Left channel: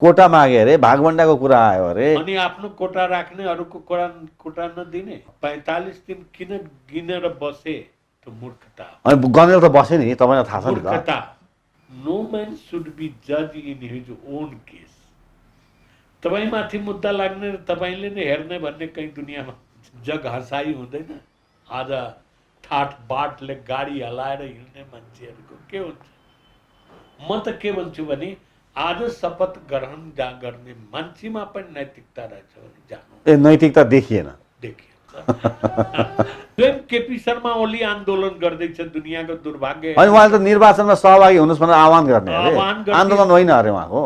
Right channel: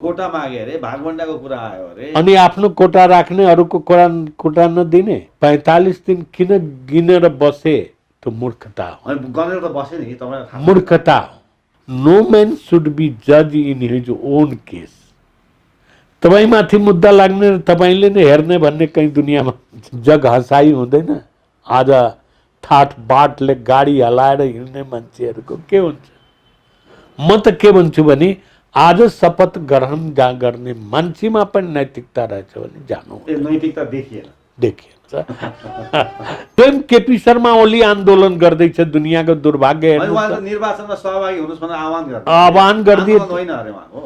कोटा मागे अरे, भागभण्डाको कुरा आयो अरे। अनि आफ्नो कोटा राख्ने, अरूको कोटा नदिने। 45 दिन किन गिनेर बसे? त्यो मूर्खता हो। अनि गनेर त बस्यो नि, तपाईँलाई थाहा छ नि त। मूर्खता हो। नो मैन शुड बी जज इन हिज ओन केस। तपाईमाथि मुद्दा लाग्ने र तपाईँले नै हेर्ने भन्ने कहीँ दुनियाँमा जग हँसाई हुँदैन। आज ठाट बाटले गाडी हलाएर हिँड्ने मान्छेहरूको के हुन्छ? म त के भन्छु भने आज शपथ ग्रहण गर्ने मान्छेमा पनि नैतिकता रहेछ भने जानु। ए नैतिकता देखिएन। स्वयं केपी शर्मा ओली आन्दोलन गर्दैछ, दुनियाँको दुर्भाग्य। अनि उहाँले त निर्वाचनमा सहभागी हुनुहोस् भनेर आह्वान गर्ने आन्दोलन होइन अरे उहाँको।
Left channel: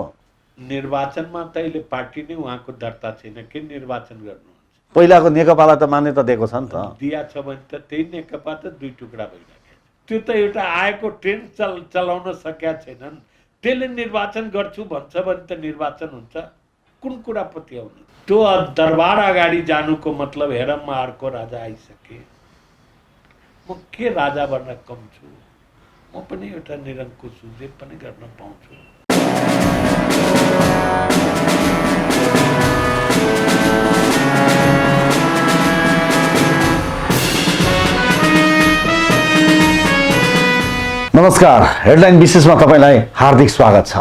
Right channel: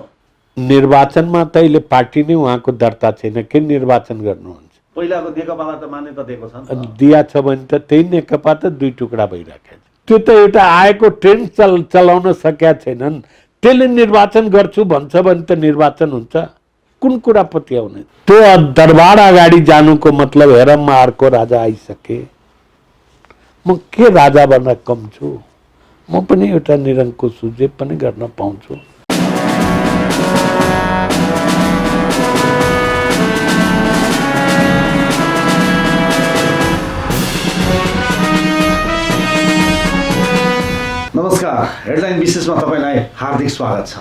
निर्वाचनमा त अहिले पार्टी नै उहाँको दर्ता छैन, के निर्वाचन गर्नुहुन्छ? पहिलाको नेकपालाई त मान्यता दिएको छ नि त। दिया छ भने त त्यही नेकपा त दुई टुक्रा भइराखेको छ। त्यो त एउटा आएको ट्रेन्ड चलाउन सकेका छैनन्। त्यसले निर्वाचन गर्छु भन्छ भने त निर्वाचन हुन्छ? कुन कुरा पत्याउने? त्यो दरबार अगाडि जानुको मतलब हेर म अर्को राजा आइसके, म के राजा बन्न कम छु? म पनि एउटा निरङ्कुश छु, जे पनि गर्न पाउँछु। नमस्कार, हेडलाइन विशेषमा तपाईलाई हार्दिक स्वागत छ।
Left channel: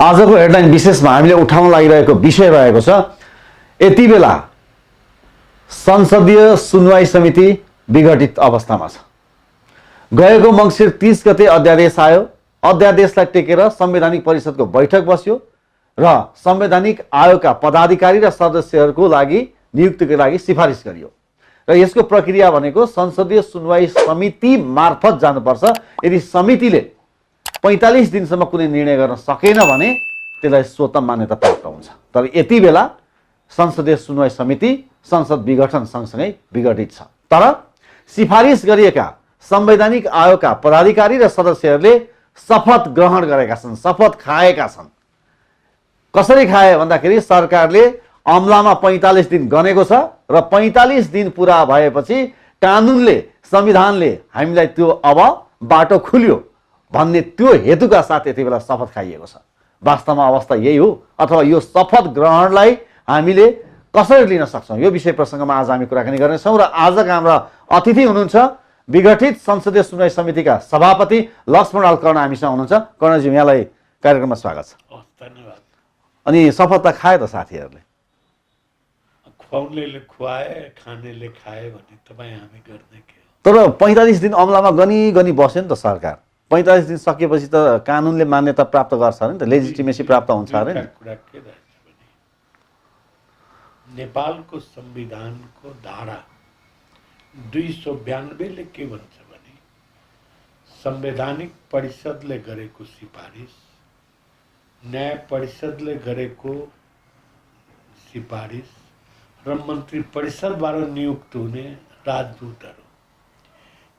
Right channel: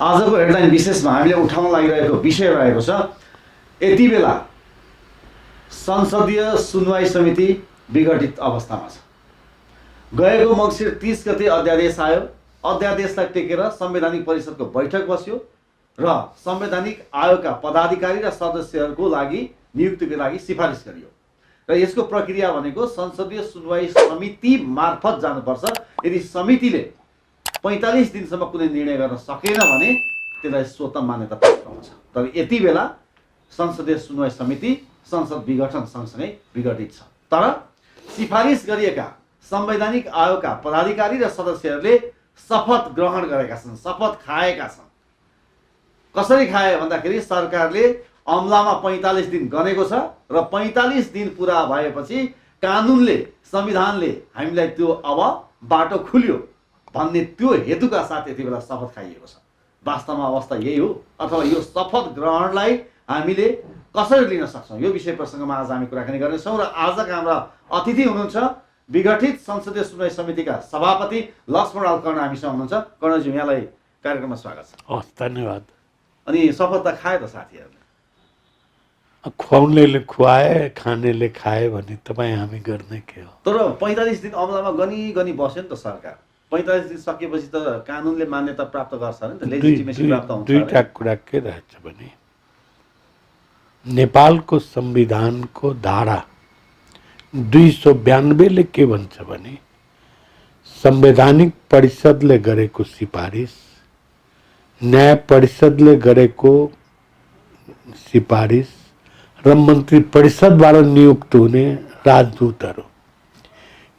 आजको हेडलाइन विशेषमा हामीले उठाउन लागिरहेको विषय रहेको छ, यति बेला संसदीय सुनवाई समिति विघटित अवस्थामा छ। गएको मङ्सिर 30 गते अध्यादेश आयो। अध्यादेशलाई टेकेर संवैधानिक परिषदको बैठक बस्यो र संवैधानिक आयोगका पदाधिकारी र सदस्यहरूको लागि नियुक्तिको लागि सिफारिस गरियो र यसको प्रक्रिया भनेको संसदीय सुनवाई समिति मार्फत जानुपर्छ। यदि समितिले 45 दिनसम्म कुनै निर्णय गर्न सकेन भने त्यसलाई स्वतः मान्यता प्राप्त हुन्छ। तर यति बेला संसदीय सुनवाई समिति संसद विघटन सँगसँगै विघटित छ। तर सिफारिस गरिएका संवैधानिक आयोगका पदाधिकारी र सदस्यहरूले शपथ ग्रहण गरेका छन्, शपथ खाएका छन्। कसरी खाए भन्दाखेरि सरकारले अमलामा 45 दिन गनेको छ र 45 दिन पुरा भएपछि कानुनले, संविधानले हामीलाई त्यो अब बाटो खुल्यो भन्ने त्यो हेतुका साथ यति बेला शपथ खाइएको छ। वास्तवमा अवस्था यही हो, अथवा यो शपथ ग्रहणलाई हामीले कसरी लिन सक्छौँ, यो विषय प्रसङ्गमा आज हामी कुराकानी गर्नेछौँ। र आजका हाम्रा अतिथि हुनुहुन्छ विघटित संसदीय सुनवाई समितिका सभापति लक्ष्मण अल कर्ण हामीसँग हुनुहुन्छ। कर्णजी, यहाँलाई कार्यक्रममा स्वागत छ। धन्यवाद। अनि शपथ त खाए त साथीहरूले? खुवाउनेले खुवाए, खानेले खाए भने तपाईँ हामी गर्ने के हो? तर 45 दिन अमलामा गनी बस्यो नि त सरकार। 45 दिन सकिएपछि त कानुनले मान्यता प्राप्त गर्छ नि त, लेजिटिमेसी प्राप्त हुन्छ। दुईटा कुरा के रहेछ भने नेपालको संविधानको धारा 292ले के भन्छ भने संवैधानिक परिषदले गरेको सिफारिस, न्याय परिषदले गरेको सिफारिस र मन्त्री परिषदबाट नियुक्त हुने राजदूतहरू,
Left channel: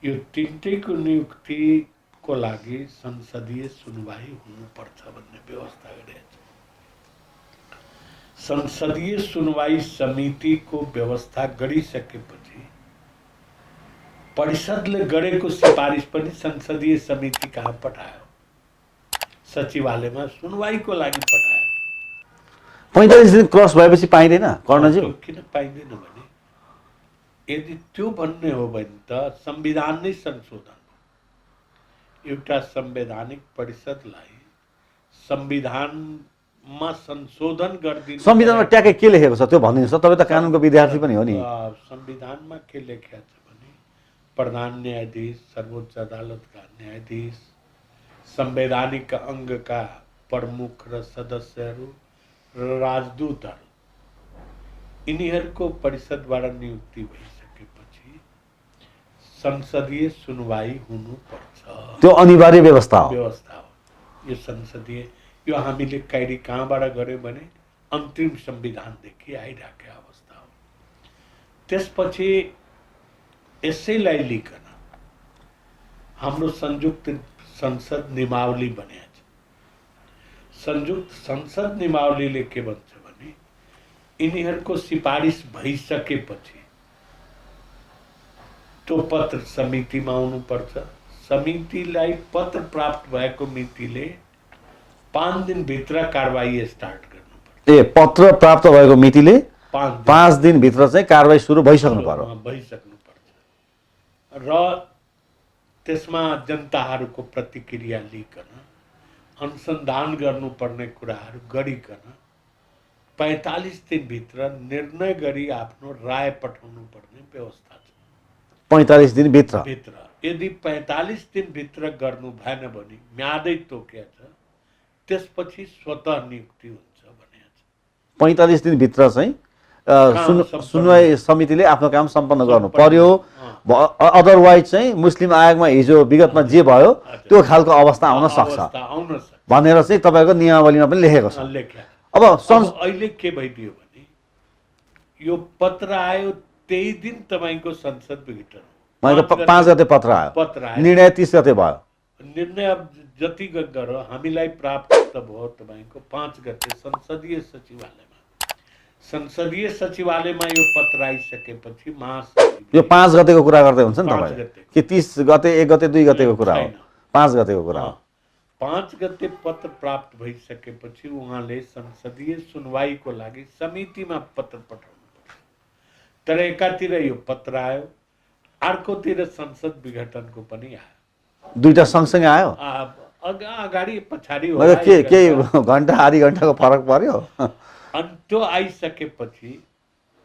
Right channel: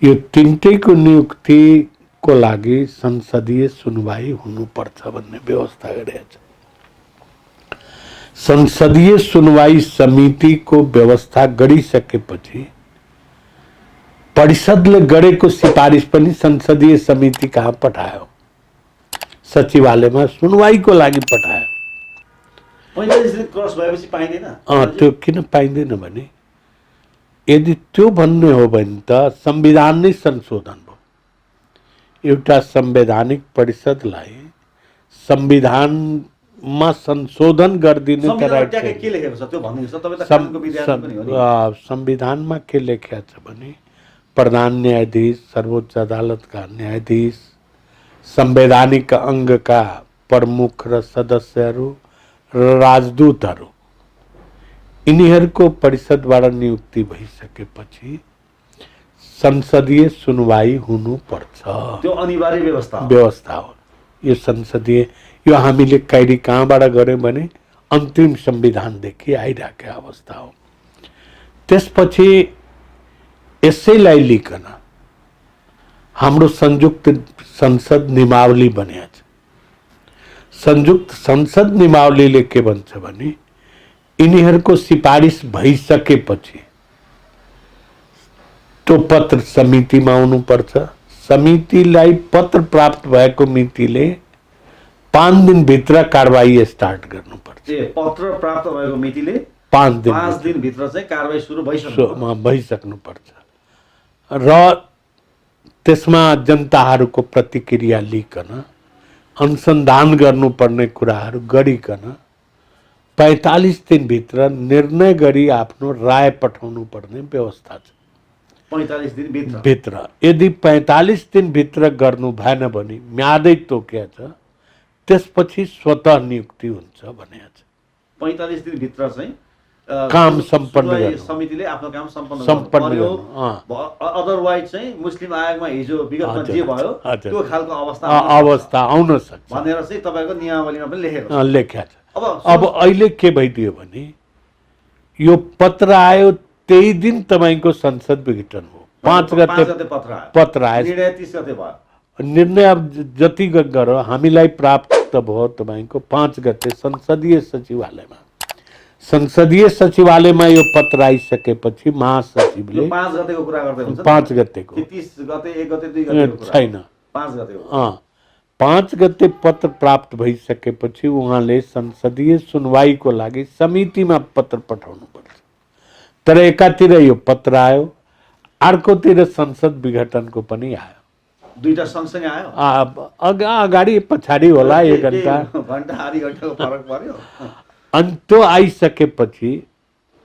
यो तीनटैको नियुक्तिको लागि संसदीय सुनवाई हुनुपर्छ भन्ने व्यवस्था गरेको छ। संसदीय सुनवाई समितिको व्यवस्था गरिसकेपछि परिषदले गरेको सिफारिस पनि संसदीय समिति कहाँ पठायो? सचिवालयमा सुनवाईको लागि पठायो। 45 दिन क्रस भएपछि पाइँदैन? त्यो किन पाइँदैन भने यदि त्यो भन्ने हो भने त संविधान नै संशोधन भयो। एउटा संवैधानिक परिषदलाई संविधानमा संशोधन गरिदिने, संविधानमा ट्याक्कै के लेखेको छ त्यो भनिदिनुहोस् त। तपाईँ त कानुनको विद्यार्थी पनि हो नि। संविधानमा के लेखेको छ भने प्रधान न्यायाधीश, सर्वोच्च अदालतका न्यायाधीश, संवैधानिक अङ्गका प्रमुख र सदस्यहरू र राजदूतहरू, यिनीहरूको परिषदबाट नियुक्ति भइसकेपछि संसदीय सुनवाई हुनुपर्छ। त्यो अनिवार्य व्यवस्था हो। यो संसदीय, यो हामीले कहिले कहाँबाट गऱ्यौँ भने अन्तिम संविधानदेखि आइरहेको अवस्था हो। त्यसपछि यसैलाई लिकन हाम्रो संयुक्त संसद नियमावली बनेको छ। संयुक्त संसद नियमावलीले के भन्छ भने यिनीहरूको सिफारिस भइसकेपछि त्यो पत्र समितिमा आउनुपर्छ। समितिलाई पत्र प्राप्त भएको मितिले 5 दिनभित्र कारबाही स्टार्ट गर्नुपर्छ। ए पत्र प्राप्त भएको मितिले 5 दिनभित्र चाहिँ कारबाही सुरु भइसक्नु पर्यो। भइसक्नुपर्छ र त्यसमा जनताहरूको प्रतिक्रिया लिकन अनुसन्धान गर्नुपर्ने कुराहरू गरिकन 45 दिनभित्र निर्णय गरी आफ्नो राय पठाउनु पर्ने व्यवस्था छ। 45 दिनभित्र यदि 45 दिनभित्र गर्नु भएन भने म्यादै तोकिया छ, त्यसपछि स्वतः नियुक्ति हुन्छ भनेको छ। 45 दिनभित्र चाहिँ काम सुनवाई समितिले आफ्नो काम सम्पन्न गर्नु पर्यो। अदरवाइज चाहिँ मुस्लिम आयोगमा हिजो विगतमा जे भयो त्यो खालको अवस्था आउन सक्छ भनेर चाहिँ तपाईँको नियमावलीमा पनि लेखेको छ। लेखेको छ। अब अहिले के भइदियो भने यो पत्र आयो त्यही दिन तपाईँको संसद विघटन हो। 5 गते पत्र आयो, निर्णय 30 गते भयो। निर्णय अब जति गरो हामीलाई प्राप्त भयो तपाईँको 5 गते संसदीय सचिवालयमा यो पत्र आइसकेपछि महासचिवले यो 5 गतेको कुरा गर्दै हुन्छ नि, 5 गतेको कि 30 गते 1 गते 2 गतेको कुरा छैन, 5 गतेको कुरा। 5 गते पत्र प्राप्त भइसकेपछि उहाँले संसदीय सुनवाईको लागि समितिमा पत्र पठाउनु पर्छ। तर एकातिर यो पत्र आयो, अर्कोतिर संसद विघटनको पनि आयो। दुईटा सँगसँगै आयो? अगाडि पछाडि होला, घण्टा आधी घण्टाको फरक पर्यो। अनि त्यो आइसकेपछि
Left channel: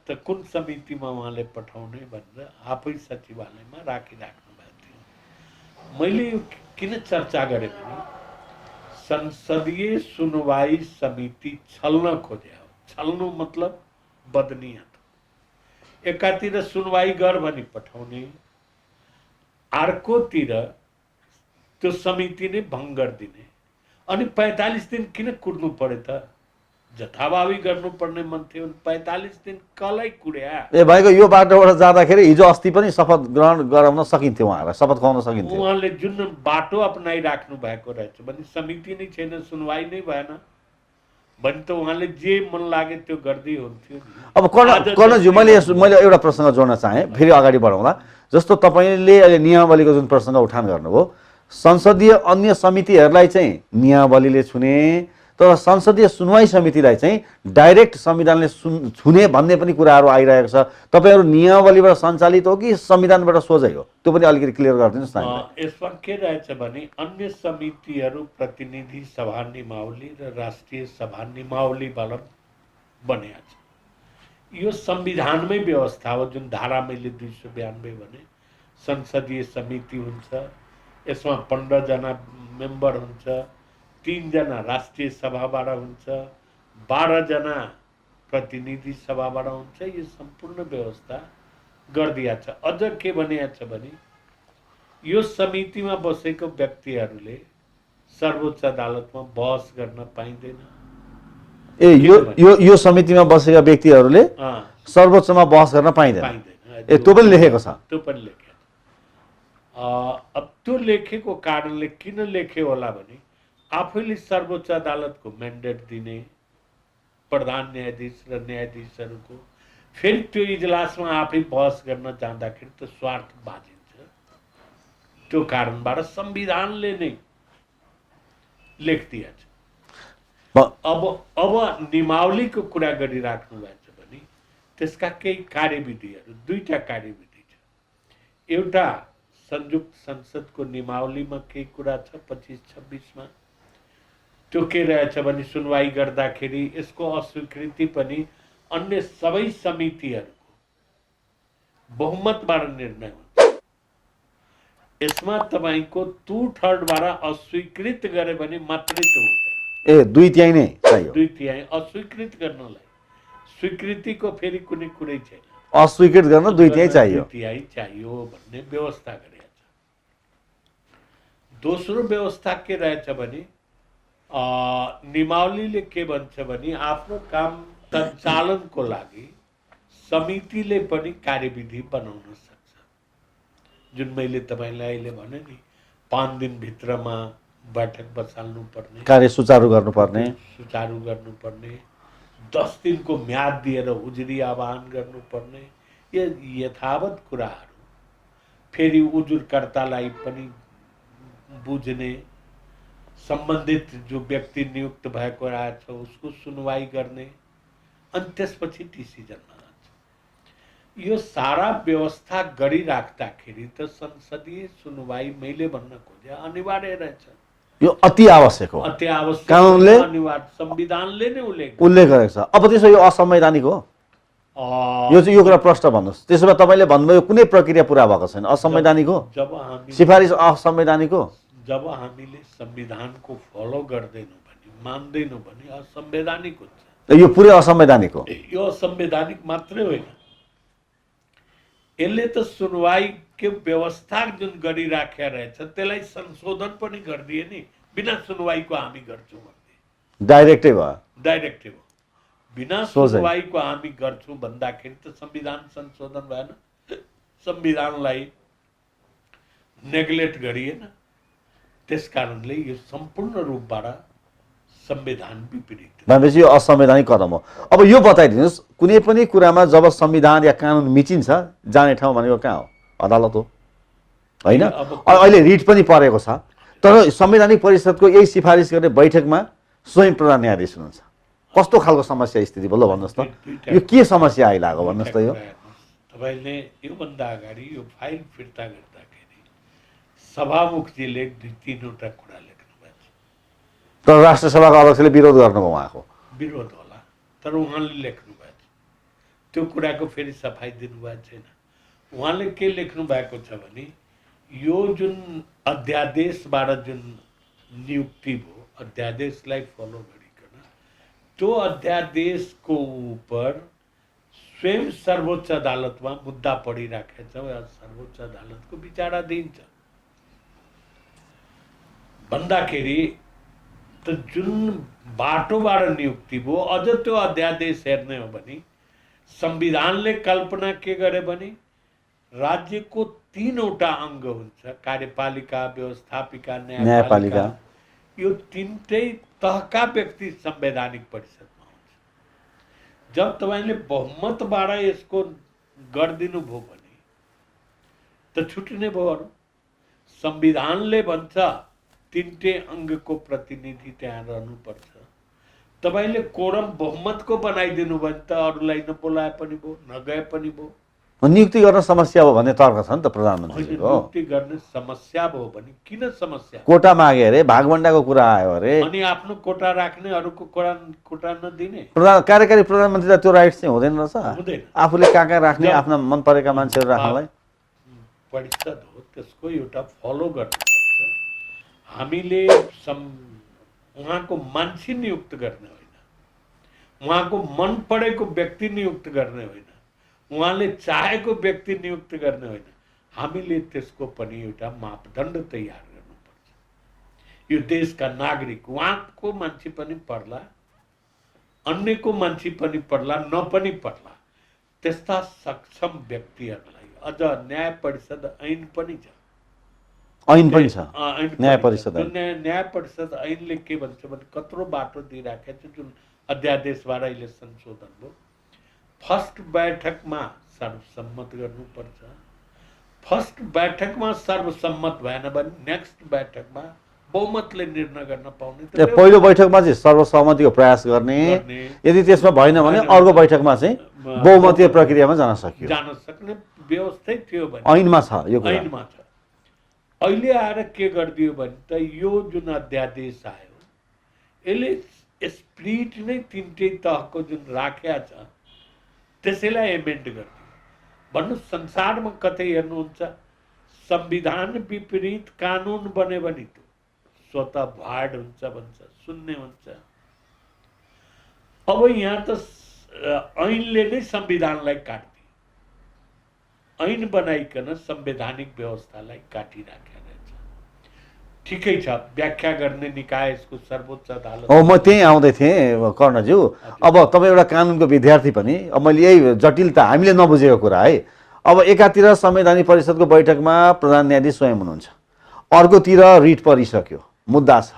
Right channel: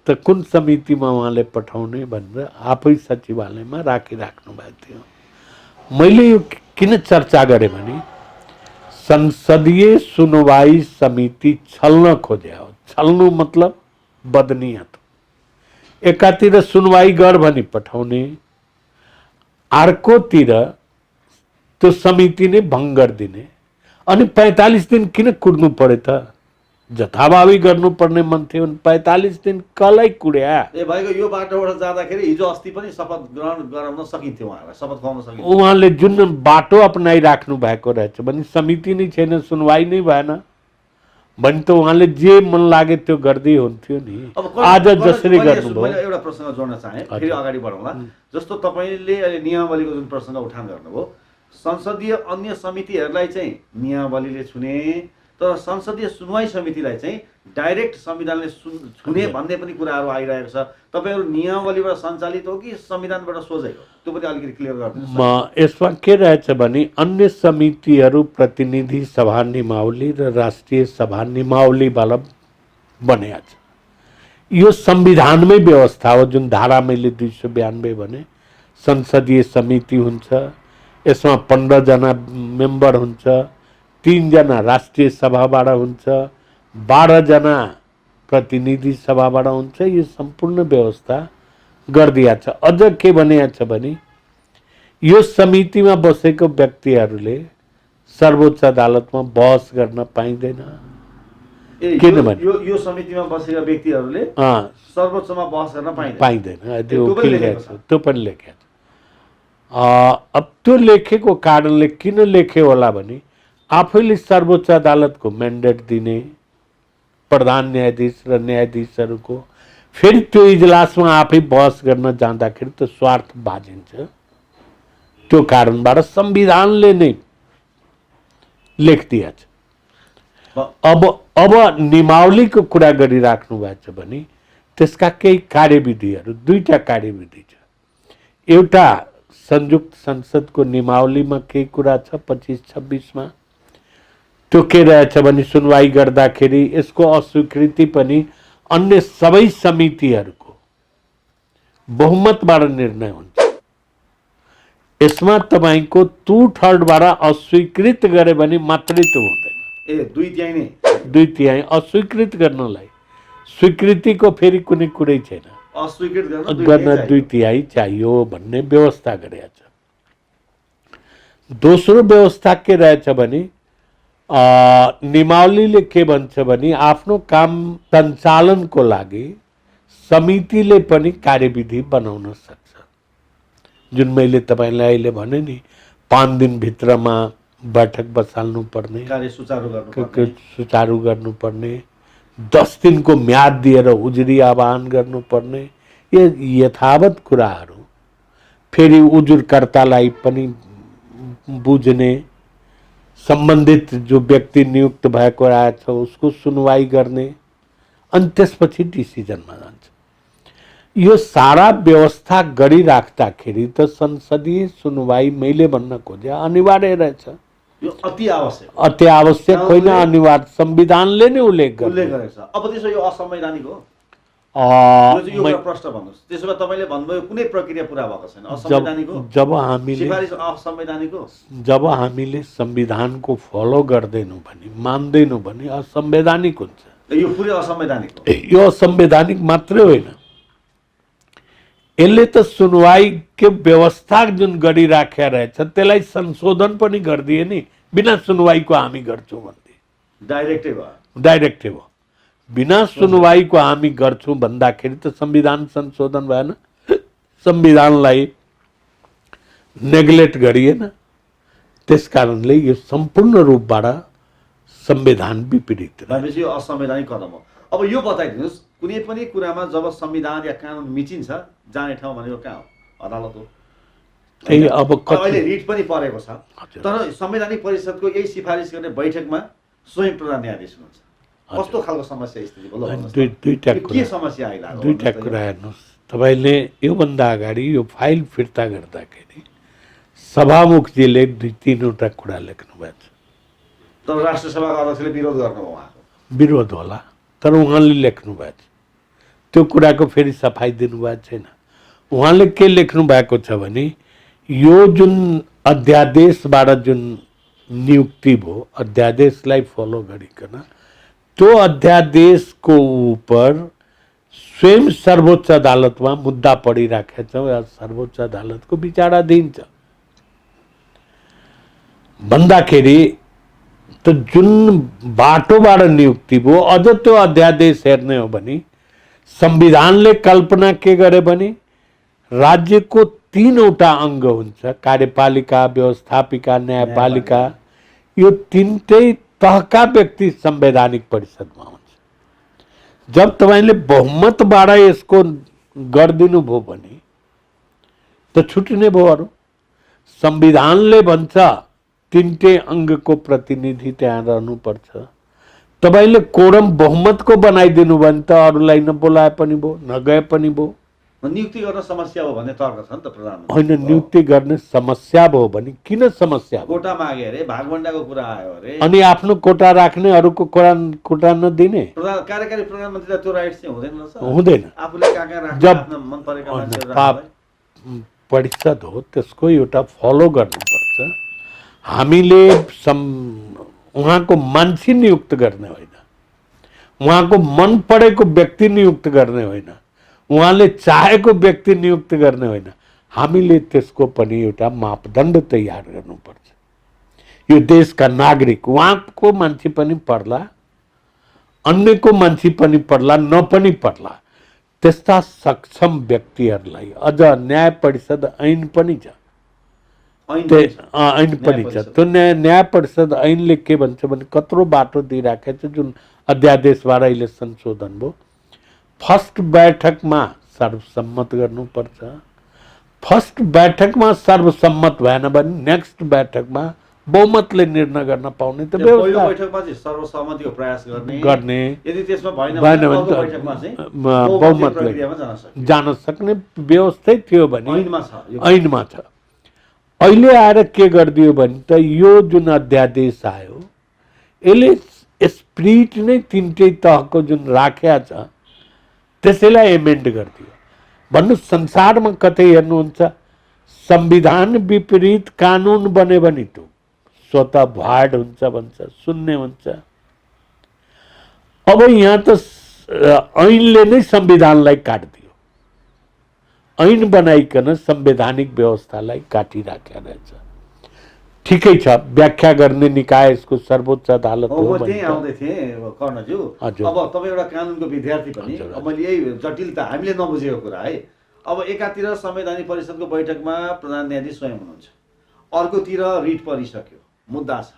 त कुन समितिमा उहाँले पठाउने भनेर आफै सचिवालयमा राखिराख्नु भएको थियो। मैले यो किन चर्चा गरेँ भने संसदीय सुनवाई समिति छल्न खोज्या हो। छल्नु मतलब बदनीयत। एकातिर सुनवाई गर भनी पठाउने, अर्कोतिर त्यो समिति नै भङ्ग गरिदिने। अनि 45 दिन किन कुर्नु पर्यो त? जथाभावी गर्नुपर्ने मन थियो। 45 दिन कलै कुड्या। ए भाइको यो बाटोबाट जाँदाखेरि हिजो अस्ति पनि शपथ ग्रहण गराउन सकिन्थ्यो, उहाँलाई शपथ खुवाउन सकिन्थ्यो। उहाँले जुन बाटो अपनाइराख्नु भएको रहेछ भने समिति नै छैन, सुनवाई नै भएन भने त उहाँले जे मन लागे त्यो गर्दै हुन्थ्यो नि। अब मैले एउटा प्रसङ्ग जोड्न चाहेँ, फेरि अगाडि बढाउँदा। जस्तो तपाईँले अहिले नियमावलीको जुन प्रसङ्ग उठान गर्नुभयो, संसदीय अन्य समितिहरूलाई चाहिँ नियमावलीले छुने, तर संसदीय सुनवाई समितिलाई चाहिँ डाइरेक्ट संविधानले छुने भन्ने पनि कुराहरू आइरहेको छ। तपाईँहरू नियमावलीबाट सञ्चालित हो कि संविधानबाट सोझै हो? त्यो पनि अलिकति क्लियर गरिदिनुहोस् न। यसमा के रहेछ भने अन्य समितिहरू प्रतिनिधि सभा नियमावली र राष्ट्रिय सभा नियमावलीबाट बनेको छ। यो संविधानमै व्यवस्था हो। जुन धारा मैले 292 भने संसदीय समिति हुन्छ, यसमा 15 जना मेम्बर हुन्छ, 3 जना राष्ट्रिय सभाबाट हुन्छ, 12 जना प्रतिनिधि सभाबाट हुन्छ। यो सम्पूर्ण व्यवस्था गरिदिया छ। अझ के भनिया छ भने यो समितिमा बसेको व्यक्तिहरूले सर्वोच्च अदालतमा बहस गर्न पाइँदैन। यो समितिमा बसेका व्यक्तिहरूले सर्वोच्चमा बहस गर्न पाइँदैन, त्यो पनि लेखेको छ। त्यो पनि लेखेको छ। अब त्यो लेखेको कारणले किन लेखे होला भने आफैले सर्वोच्च अदालतको म्यान्डेट दिने प्रधान न्यायाधीश र न्यायाधीशहरूको फेरि त्यो इजलासमा आफै बहस गर्न जाँदाखेरि त स्वार्थ बाजिन्छ। त्यो कारणबाट संविधानले नै लेखिदिएको छ। अब नियमावलीको कुरा गरिराख्नु भएको छ भने त्यसका केही कार्यविधिहरू, 2टा कार्यविधि छ। एउटा संयुक्त संसदको नियमावलीमा केही कुरा छ 25-26 मा। त्यो के रहेछ भने सुनवाई गर्दाखेरि यसको अस्वीकृति पनि अन्य सबै समितिहरूको बहुमतबाट निर्णय हुन्छ। यसमा तपाईको 2/3बाट अस्वीकृत गरे भने मात्रै त्यो हुँदैन। 2/3 नै, 2/3 अस्वीकृत गर्नलाई। स्वीकृतिको फेरि कुनै कुरै छैन। अस्वीकृत गर्न 2/3 चाहियो भन्ने व्यवस्था गरेको छ। दोस्रो व्यवस्था के रहेछ भने नियमावलीले के भन्छ भने आफ्नो काम सञ्चालनको लागि समितिले पनि कार्यविधि बनाउन सक्छ। जुन मैले तपाईलाई अहिले भने नि 5 दिनभित्रमा बैठक बसाल्नु पर्ने, कार्य सुचारू गर्नुपर्ने, 10 दिनको म्याद दिएर उजुरी आह्वान गर्नुपर्ने, यो यथावत कुराहरू फेरि उजुरकर्तालाई पनि बुझ्ने, सम्बन्धित जो व्यक्ति नियुक्त भएको रहेछ उसको सुनवाई गर्ने अनि त्यसपछि डिसिजनमा जान्छ। यो सारा व्यवस्था गरिराख्दाखेरि त संसदीय सुनवाई मैले भन्न खोजे अनिवार्य रहेछ। यो अति आवश्यक हो, अति आवश्यक होइन, अनिवार्य संविधानले नै उल्लेख गरेको छ। अब त्यसो यो असंवैधानिक हो, यो चाहिँ यो कुरा प्रश्न भन्नुहोस्। त्यसो भए तपाईँले भन्नुभयो कुनै प्रक्रिया पुरा भएको छैन, असंवैधानिक हो। जब हामी सिफारिस असंवैधानिक हो, जब हामीले संविधानको फलो गर्दैनौँ भने, मान्दैनौँ भने असंवैधानिक हुन्छ। यो पुरै असंवैधानिक हो। यो असंवैधानिक मात्रै होइन, यसले त सुनवाईको व्यवस्था जुन गरिराखेका रहेछ त्यसलाई संशोधन पनि गरिदिए नि, बिना सुनवाईको हामी गर्छौँ भन्दै डाइरेक्टै भयो, डाइरेक्टै भयो। बिना सुनवाईको हामी गर्छौँ भन्दाखेरि त संविधान संशोधन भएन, संविधानलाई नेग्लेक्ट गरिएन। त्यसकारणले यो सम्पूर्ण रूपबाट संविधान विपरीत भनेपछि यो असंवैधानिक कदम हो। अब यो बताइदिनुहोस्, कुनै पनि कुरामा जब संविधान या कानुन मिचिन्छ जाने ठाउँ भनेको कहाँ हो? अदालत हो होइन? अब अहिले रिट पनि परेको छ, तर संवैधानिक परिषदको यही सिफारिस गर्ने बैठकमा स्वयं प्रधान न्यायाधीश हुनुहुन्छ। कस्तो खालको समस्या स्थिति भयो भन्नुहोस् त, यो के समस्या आइलाग्यो भन्नुहोस् त। हेर्नुहोस्, तपाईँले योभन्दा अगाडि यो फाइल फिर्ता गर्दाखेरि सभामुखजीले 2-3वटा कुरा लेख्नु भएको छ। तर राष्ट्र सभाको अध्यक्षले विरोध गर्नुभयो, उहाँको विरोध होला, तर उहाँले लेख्नु भएको छ। त्यो कुराको फेरि सफाई दिनुभएको छैन। उहाँले के लेख्नु भएको छ भने यो जुन अध्यादेशबाट जुन नियुक्ति भयो, अध्यादेशलाई फलो गरिकन त्यो अध्यादेशको उपर स्वयं सर्वोच्च अदालतमा मुद्दा पढिराखेको छ या सर्वोच्च अदालतको विचाराधीन छ भन्दाखेरि त जुन बाटोबाट नियुक्ति भयो, अझ त्यो अध्यादेश हेर्ने हो भने संविधानले कल्पना के गरे भने राज्यको 3वटा अङ्ग हुन्छ, कार्यपालिका, व्यवस्थापिका, न्यायपालिका। यो 3टै तहका व्यक्ति संवैधानिक परिषदमा हुन्छ। जब तपाईँले बहुमतबाट यसको गरिदिनु भयो भने त छुट्टिने भयो अरू। संविधानले भन्छ 3टै अङ्गको प्रतिनिधि त्यहाँ रहनुपर्छ। तपाईँले कोरम बहुमतको बनाइदिनु भने त अरूलाई नबोलाए पनि भयो, नगए पनि भयो। नियुक्ति गर्न समस्या हो भन्ने तर्क छ नि त प्रधानमन्त्री। होइन, नियुक्ति गर्ने समस्या भयो भने किन समस्या? कोटा मागे अरे, भागभण्डाको कुरा आयो अरे, अनि आफ्नो कोटा राख्ने, अरूको कोटा नदिने। कार्यकारी प्रधानमन्त्रीलाई त्यो राइट चाहिँ हुँदैन रहेछ, हुँदैन। आफूले कहाँ कहाँ राख्ने, आफ्ना मन परेका मान्छेहरू राख्नलाई। परिषद हो, त्यसको एउटा फलो गर्नुपर्छ। हामीले उहाँको मान्छे नियुक्त गर्ने होइन, उहाँको मन परेको व्यक्ति नियुक्त गर्ने होइन, उहाँले चाहेको व्यक्ति नियुक्त गर्ने होइन। हामीले त्यसको पनि एउटा मापदण्ड तयार गर्नुपर्छ। यो देशका नागरिक, उहाँको मान्छे पनि पर्ला, अन्यको मान्छे पनि पर्ला, नपनि पर्ला, त्यस्ता सक्षम व्यक्तिहरूलाई अझ न्याय परिषद ऐन पनि छ। ऐन पनि छ, ऐन पनि छ। त्यो न्याय परिषद ऐनले के भन्छ भने कत्रो बाटो दिइराखेको छ जुन अध्यादेशबाट अहिले संशोधन भयो। फर्स्ट बैठकमा सर्वसम्मत गर्नुपर्छ। फर्स्ट बैठकमा सर्वसम्मत भएन भने नेक्स्ट बैठकमा बहुमतले निर्णय गर्न पाउने। त पहिलो बैठकमा चाहिँ सर्वसम्मतिको प्रयास गर्ने, यदि त्यसमा भएन भने अर्को बैठकमा चाहिँ बहुमतीय प्रक्रियामा जान सक्ने व्यवस्था थियो भने ऐनमा छ, यो ऐनमा छ। अहिले आएर के गरिदियो भने त यो जुन अध्यादेश आयो यसले स्पिरिट नै 3टै तहको जुन राखेको छ त्यसैलाई एमेन्ड गरिदियो। भन्नु संसारमा कतै हेर्नुहुन्छ संविधान विपरीत कानुन बन्यो भने त स्वतः भ्वाइड हुन्छ भन्छ, शून्य हुन्छ। अब यहाँ त ऐनले नै संविधानलाई काटिदियो, ऐन बनाइकन संवैधानिक व्यवस्थालाई काटिराखेको रहेछ। ठिकै छ, व्याख्या गर्ने निकाय यसको सर्वोच्च अदालत हो। म त्यही आउँदै थिएँ कर्णज्यू। अब तपाईँ एउटा कानुनको विद्यार्थी पनि, अब मैले यही जटिलता हामीले नबुझेको कुरा है। अब एकातिर संवैधानिक परिषदको बैठकमा प्रधान न्यायाधीश स्वयं हुनुहुन्छ, अर्कोतिर रिट परिसक्यो, मुद्दा छ।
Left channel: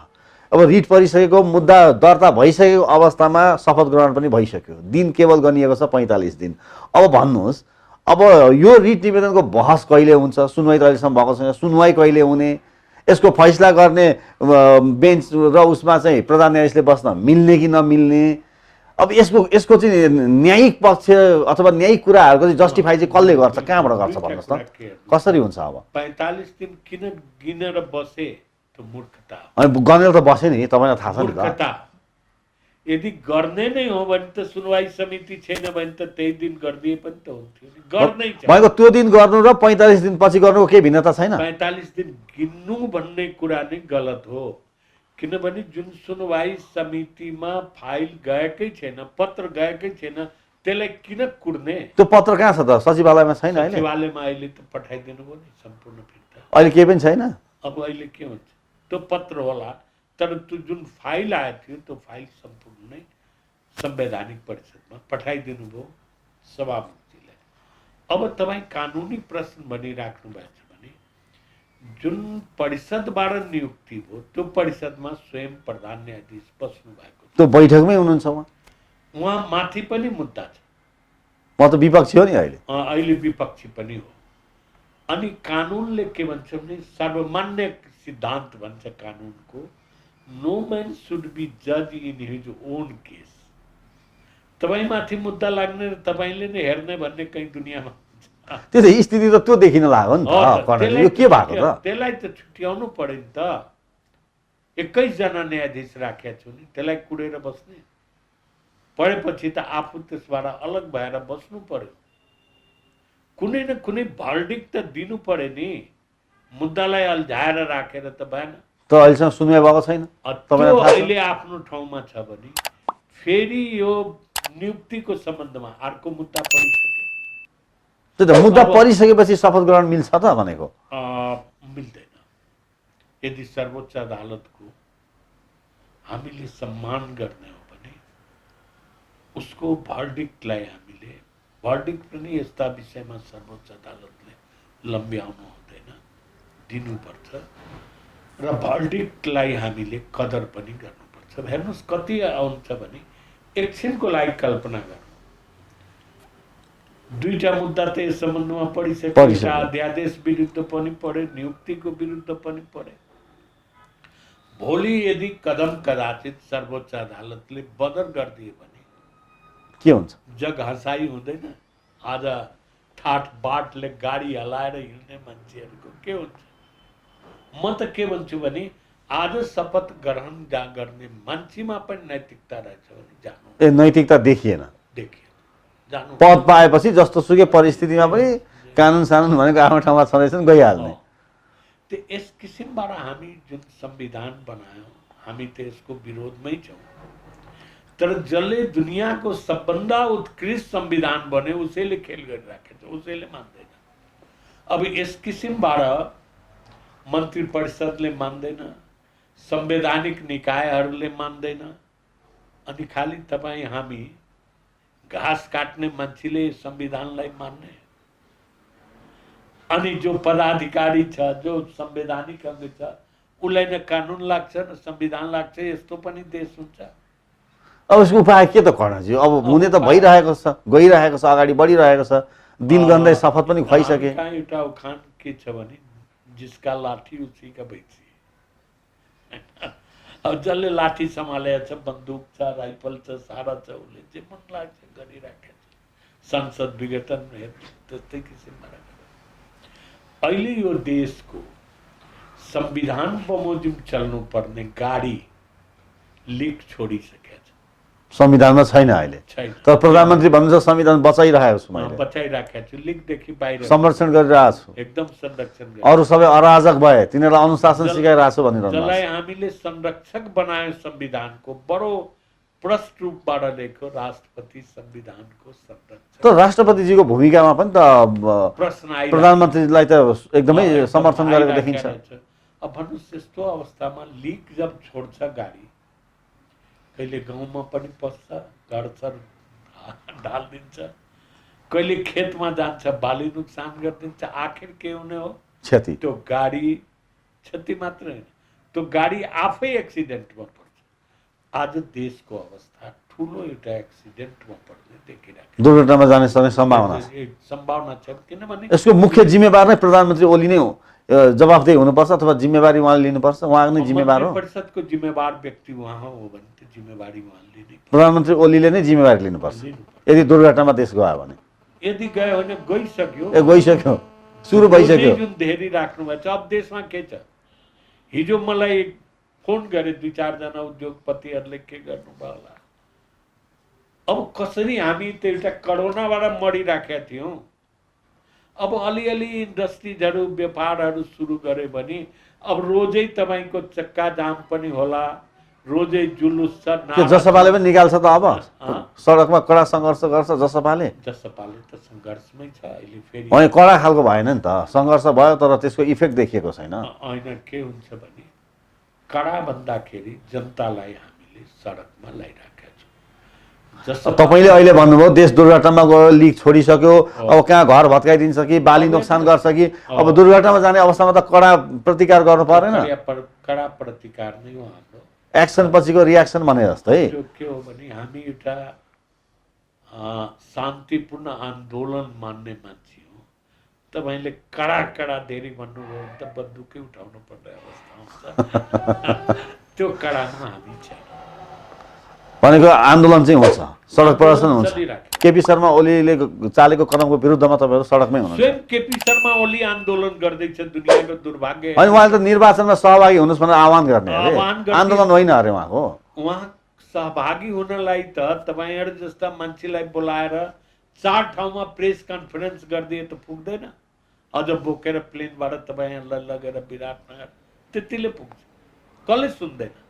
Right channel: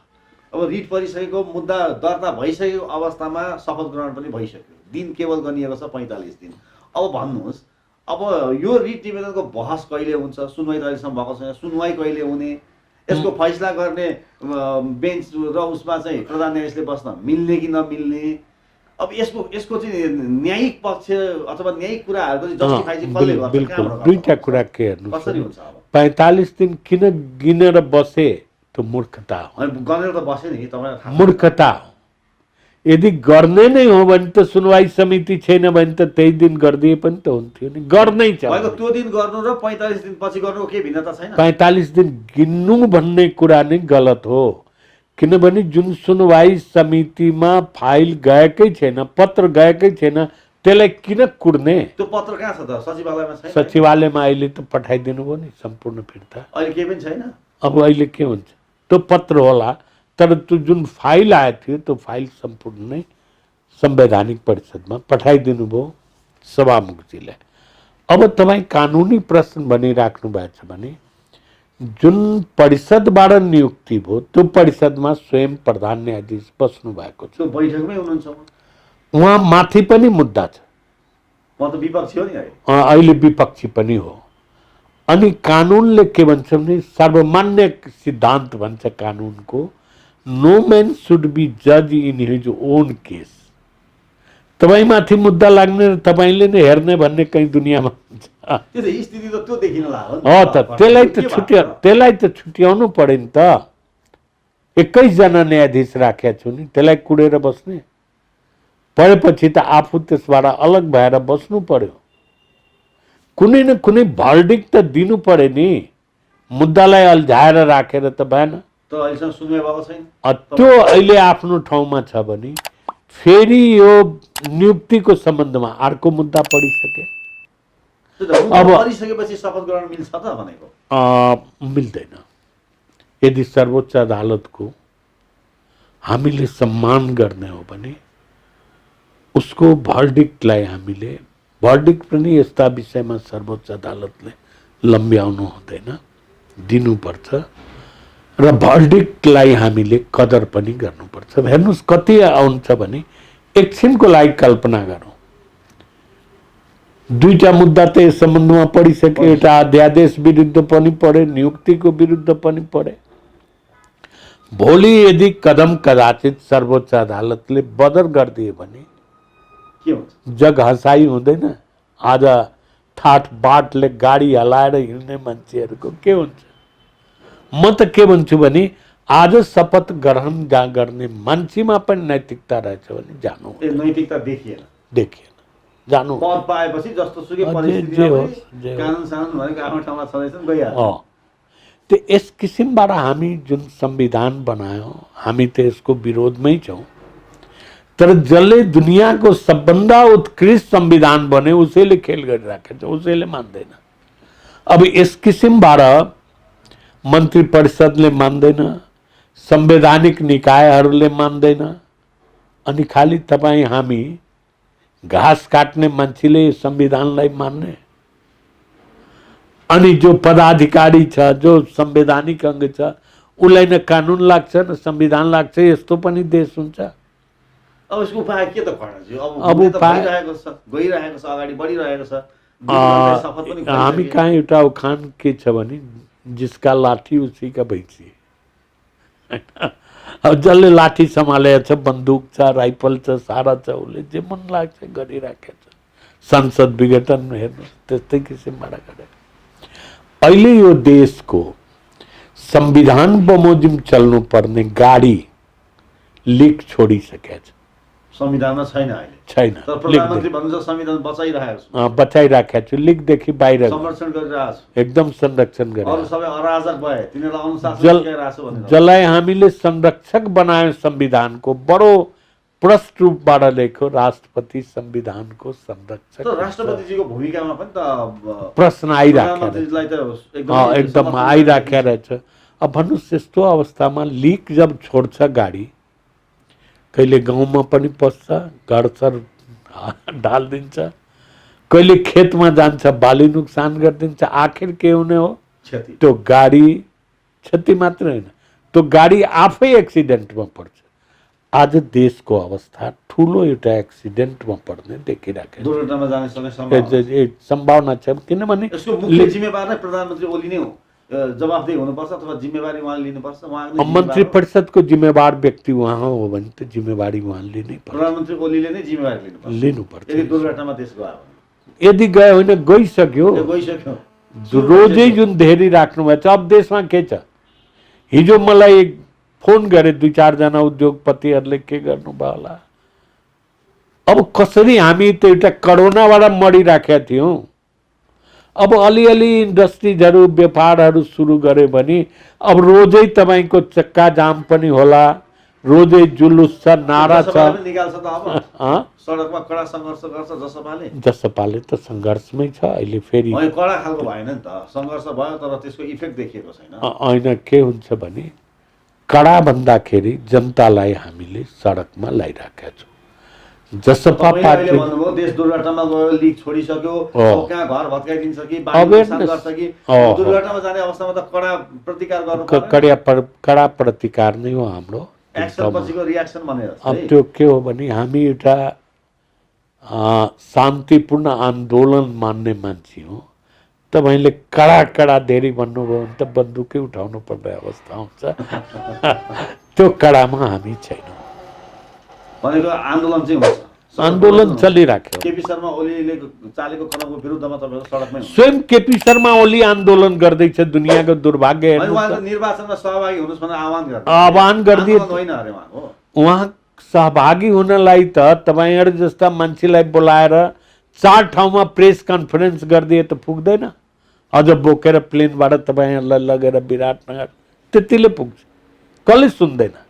अब रिट परिसकेको मुद्दा दर्ता भइसकेको अवस्थामा शपथ ग्रहण पनि भइसक्यो, दिन केवल गनिएको छ 45 दिन। अब भन्नुहोस्, अब यो रिट निवेदनको बहस कहिले हुन्छ? सुनवाई त अहिलेसम्म भएको छैन, सुनवाई कहिले हुने? यसको फैसला गर्ने बेन्च र उसमा चाहिँ प्रधान न्यायाधीशले बस्न मिल्ने कि नमिल्ने, अब यसको चाहिँ न्यायिक पक्ष अथवा न्यायिक कुराहरूको चाहिँ जस्टिफाई चाहिँ कसले गर्छ, कहाँबाट गर्छ? दुईटा कुरा के हेर्नु, कसरी हुन्छ? अब 45 दिन किन गिनेर बसे त्यो मूर्खता हो। अनि गनेर त बस्यो नि, तपाईँलाई थाहा छ नि त। मूर्खता हो। यदि गर्ने नै हो भने त सुनवाई समिति छैन भने त त्यही दिन गरिदिए पनि त हुन्थ्यो नि, गर्नै छ। भनेको त्यो दिन गर्नु र 45 दिन पछि गर्नुको केही भिन्नता छैन। 45 दिन गिन्नु भन्ने कुरा नै गलत हो, किनभने जुन सुनवाई समितिमा फाइल गएकै छैन, पत्र गएकै छैन, त्यसलाई किन कुर्ने? त्यो पत्र कहाँ छ त? सचिवालयमा छैन? सचिवालयमा अहिले त पठाइदिनु भयो नि सम्पूर्ण फिर्ता। अहिले केही पनि छैन। अब अहिले के हुन्छ? त्यो पत्र होला, तर त्यो जुन फाइल आएको थियो त्यो फाइल सम्पूर्ण नै संवैधानिक परिषदमा पठाइदिनु भयो सभामुखजीलाई। अब तपाईँ कानुनी प्रश्न भनिराख्नु भएको छ भने जुन परिषदबाट नियुक्ति भयो त्यो परिषदमा स्वयं प्रधान न्यायाधीश बस्नु भएको छ, त्यो बैठकमै हुनुहुन्छ उहाँ माथि पनि मुद्दा छ। म त विपक्षी हो नि अहिले। अहिले विपक्षी पनि हो। अनि कानुनले के भन्छ भने सर्वमान्य सिद्धान्त भन्छ कानुनको, नो म्यान सुड बी जज इन हिज ओन केस। तपाईँमाथि मुद्दा लाग्ने र तपाईँले नै हेर्ने भन्ने कहीँ दुनियाँमा हुन्छ। त्यो त स्थिति त त्यो देखिन लाग्यो नि। त्यसलाई त छुट्याउनु पर्यो नि त। 21 जना न्यायाधीश राखेका छु नि, त्यसलाई कुरेर बस्ने परेपछि त आफू त्यसबाट अलग भएर बस्नु पर्यो। कुनै न कुनै भर्डिक्ट त दिनु पर्यो नि, मुद्दालाई अल्झाएर राखेर त भएन। त अहिलेसम्म सुनवाई भएको छैन। त्यो अहिले आफ्नो ठाउँमा छ भने फेरि यो नियुक्तिको सम्बन्धमा अर्को मुद्दा पढिसके। त्यो त मुद्दा परिसकेपछि शपथ ग्रहण मिल्छ त भनेको? मिल्दैन। यदि सर्वोच्च अदालतको हामीले सम्मान गर्ने हो भने उसको भर्डिक्टलाई हामीले, भर्डिक्ट पनि यस्ता विषयमा सर्वोच्च अदालतले लम्ब्याउनु हुँदैन, दिनुपर्छ र भर्डिक्टलाई हामीले कदर पनि गर्नुपर्छ। हेर्नुहोस् कति आउँछ भने एकछिनको लागि कल्पना गरौँ, दुईटा मुद्दा त यस सम्बन्धमा पढिसके, एउटा अध्यादेश विरुद्ध पनि पढे, नियुक्तिको विरुद्ध पनि पढे। भोलि यदि कदम कदाचित सर्वोच्च अदालतले बदर गरिदिए भने के हुन्छ? जग हसाई हुँदैन? आज ठाट बाटले गाडी हलाएर हिँड्ने मान्छेहरूको के हुन्छ? म त के भन्छु भने आज शपथ ग्रहण गर्ने मान्छेमा पनि नैतिकता रहेछ भने जानु। नैतिकता देखिएन जानु। पद पाएपछि जस्तो सुकै परिस्थितिमा पनि कानुन सानुन भनेको आफ्नो ठाउँमा छँदैछन्, गइहाल्छ। त्यो यस किसिमबाट हामी जुन संविधान बनायौँ हामी त यसको विरोधमै छौँ, तर जसले दुनियाँको सबभन्दा उत्कृष्ट संविधान बने उसैले खेल गरिराखेको छ, उसैले मान्दैन। अब यस किसिमबाट मन्त्री परिषदले मान्दैन, संवैधानिक निकायहरूले मान्दैन, अनि खालि तपाईँ हामी घाँस काट्ने मान्छेले संविधानलाई मान्ने। अनि जो पदाधिकारी छ, जो संवैधानिक अंग छ, उसलाई न कानुन लाग्छ न संविधान लाग्छ, यस्तो पनि देश हुन्छ। अब यसको उपाय के त कर्णजी? अब हुने त भइरहेको छ, गइरहेको छ, अगाडि बढिरहेको छ, दिन गन्दै शपथ पनि हामी भइसके। कहाँ एउटा उखान के छ भने जिसका लाठी उसी का भैंसी। अब जसले लाठी सम्हालेको छ, बन्दुक छ, राइफल छ, सारा छ, उसले जे मन लाग्छ गरिराखेको छ। संसद विघटन हेर्नु त्यस्तै किसिमबाट गरे। अहिले यो देशको संविधान बमोजिम चल्नु पर्ने गाडी लिक छोडिसकेको छ, संविधानमा छैन अहिले। छैन। तर प्रधानमन्त्री भन्नुहुन्छ संविधान बचाइरहेको छु, बचाइराखेको छु, लिकदेखि बाहिर संरक्षण गरिरहेको छु, एकदम संरक्षण गरेर। अरू सबै अराजक भए तिनीहरूलाई अनुशासन सिकाइरहेको छु भनेर जसलाई हामीले संरक्षक बनायो संविधानको, बडो प्रष्ट रूपबाट लेख्यो राष्ट्रपति संविधानको संरक्षक। त राष्ट्रपतिजीको भूमिकामा पनि त प्रश्न आइरहेको, प्रधानमन्त्रीलाई त एकदमै समर्थन आइराखेको रहेछ। अब भन्नुहोस् यस्तो अवस्थामा लिक जब छोड्छ गाडी, कहिले गाउँमा पनि पस्छ, घरसर ढालिदिन्छ, कहिले खेतमा जान्छ बाली नुकसान गरिदिन्छ, आखिर के हुने हो? क्षति। त्यो गाडी क्षति मात्र होइन, त्यो गाडी आफै एक्सिडेन्टमा पर्छ। आज देशको अवस्था ठुलो एउटा एक्सिडेन्टमा पर्ने देखिरहेको, दुर्घटनामा जाने सम्भावना छ। किनभने यसको मुख्य जिम्मेवार नै प्रधानमन्त्री ओली नै हो। जवाफदेही हुनुपर्छ अथवा जिम्मेवारी उहाँले लिनुपर्छ, उहाँ नै जिम्मेवार मन्त्री हो। परिषदको जिम्मेवार व्यक्ति उहाँ हो भने त जिम्मेवारी उहाँले लिनै पर्छ, प्रधानमन्त्री ओलीले नै जिम्मेवारी लिनुपर्छ लिनुपर्छ। यदि दुर्घटनामा देश गयो भने। यदि गयो भने गइसक्यो, गइसक्यो, सुरु रोजै भइसक्यो। जुन धेरै राख्नुभएको छ। अब देशमा के छ, हिजो मलाई फोन गरे 2-4 जना उद्योगपतिहरूले, के गर्नुभयो होला, अब कसरी हामी त एउटा करोनाबाट मरिराखेका थियौँ, अब अलिअलि इन्डस्ट्रिजहरू व्यापारहरू सुरु गरे भने अब रोजै तपाईँको चक्का जाम पनि होला, रोजै जुलुस छ, नारा जसपाले छ। पनि निकाल्छ त अब अँ? सडकमा कडा सङ्घर्ष गर्छ जसपाले। जसपाले त सङ्घर्षमै छ अहिले फेरि। होइन कडा खालको भएन नि त, सङ्घर्ष भयो तर त्यसको इफेक्ट देखिएको छैन। होइन, के हुन्छ भने कडा भन्दाखेरि जनतालाई हामीले सडकमा ल्याइराखेका छौँ। तपाईँले अहिले भन्नुभयो देश दुर्घटनामा गयो, लिक छोडिसक्यो, अब कहाँ घर भत्काइदिन्छ कि बाली नोक्सान गर्छ कि, अब दुर्घटनामा जाने अवस्थामा त कडा प्रतिकार गर्नु पर्यो। कडा प्रतिकार नै हो हाम्रो एक्सन पछिको रियाक्सन भने अब जस्तै। त्यो के हो भने हामी एउटा शान्तिपूर्ण आन्दोलन मान्ने मान्छे हो। तपाईँले कडा धेरै भन्नुभयो भने त बन्दुकै उठाउनु पर्ने अवस्था आउँछ। त्यो कडामा हामी छैनौँ। भनेको आन्दोलन चाहिँ हुन्छ, सडक आन्दोलन प्रदर्शन चलिराख्यो। केपी शर्मा ओलीले चालेको कदमको विरुद्धमा तपाईँहरू सडकमै हुनुहुन्छ। स्वयं केपी शर्मा ओली आन्दोलन गर्दैछ, दुनियाँको दुर्भाग्य। अनि उहाँले त निर्वाचनमा सहभागी हुनुहोस् भनेर आह्वान गर्ने, आह्वान गर्ने। आन्दोलन होइन अरे उहाँको। उहाँ सहभागी हुनलाई त तपाईँहरू जस्ता मान्छेलाई बोलाएर 4 ठाउँमा प्रेस कन्फरेन्स गरिदिए त पुग्दैन। अझ बोकेर प्लेनबाट तपाईँहरूलाई लगेर विराटनगर त्यतिले पुग्छ, कसले सुन्दैन।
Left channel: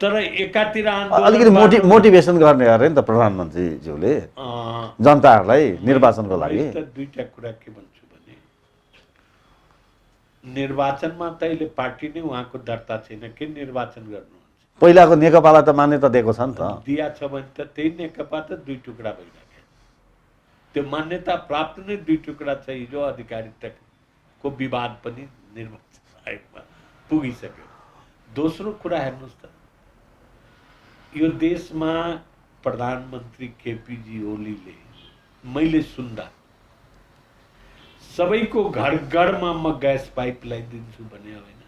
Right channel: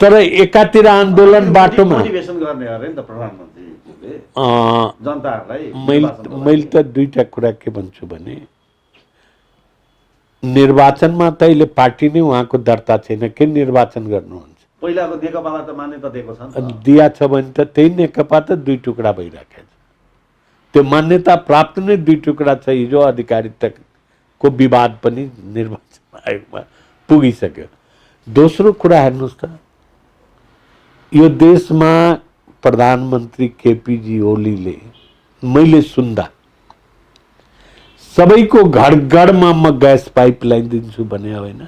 तर एकातिर आन्दोलन बाटो मोटिभेसन गर्ने अरे नि त प्रधानमन्त्रीज्यूले जनताहरूलाई निर्वाचनको लागि। मैले त दुईटा कुरा के भन्छु भने, निर्वाचनमा त अहिले पार्टी नै उहाँको दर्ता छैन, के निर्वाचन गर्नुहुन्छ? पहिलाको नेकपालाई त मान्यता दिएको छ नि त। दिया छ भने त त्यही नेकपा त 2 टुक्रा भइराखेको छ। त्यो मान्यता प्राप्त नै 2 टुक्रा छ। हिजो अधिकारिताको विवाद पनि निर्वाचन आयोगमा पुगिसक्यो। दोस्रो कुरा हेर्नुहोस् त, यो देशमा प्रधानमन्त्री केपीजी ओलीले मैले सुन्दा सबैको घर घरमा म ग्यास पाइप लगाइदिन्छु भने होइन,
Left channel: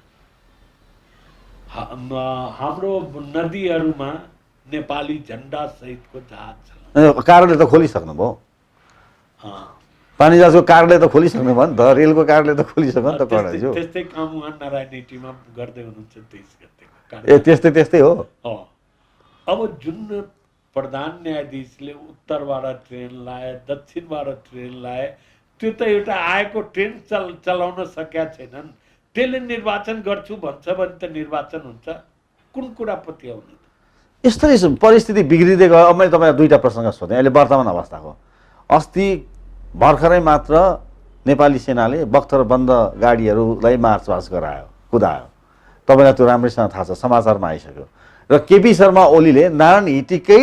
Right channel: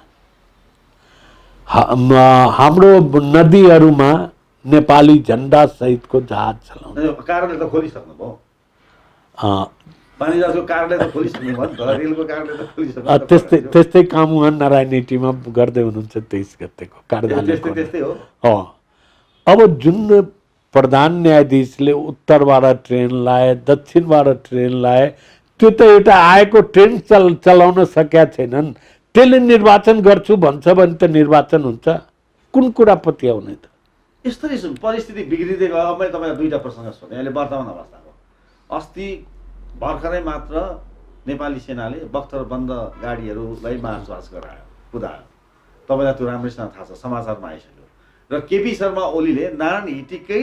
हाम्रो नदीहरूमा नेपाली झन्डा सहितको जहाज चलाउनु। कार्यालय त खोलिसक्नु भयो, पानी जहाजको कार्यालय त खोलिसक्नु भयो नि त, रेलको कार्यालय त खोलिसक्नु। त्यस्तै काम उहाँ नारायणीमा गर्दै हुनुहुन्छ 23 गतेको कार्यालय। त्यस्तै हो। अब जुन प्रधान न्यायाधीशले उत्तरबाट ट्रेन लाए, दक्षिणबाट ट्रेन लाए, त्यो त एउटा आएको ट्रेन चलाउन सकेका छैनन्। त्यसले निर्वाचन गर्छु भन्छ भने त निर्वाचन हुन्छ? कुन कुरा पत्याउने त? यस्तै परिस्थिति बिग्रिँदै गयो। अब मैले तपाईँलाई 2टा प्रसङ्ग सोधेँ अहिले वर्तमान अवस्थाको। अस्ति भर्खरै मात्र नेपाली सेनाले बख्तरबन्द गाडीहरूलाई मार्चपास गरायो, कुदायो। तपाईँलाई त्यो राम्रैसँग थाहा छ, समाचारमा आइसक्यो। र केपी शर्मा ओलीले नारायण हिटीकै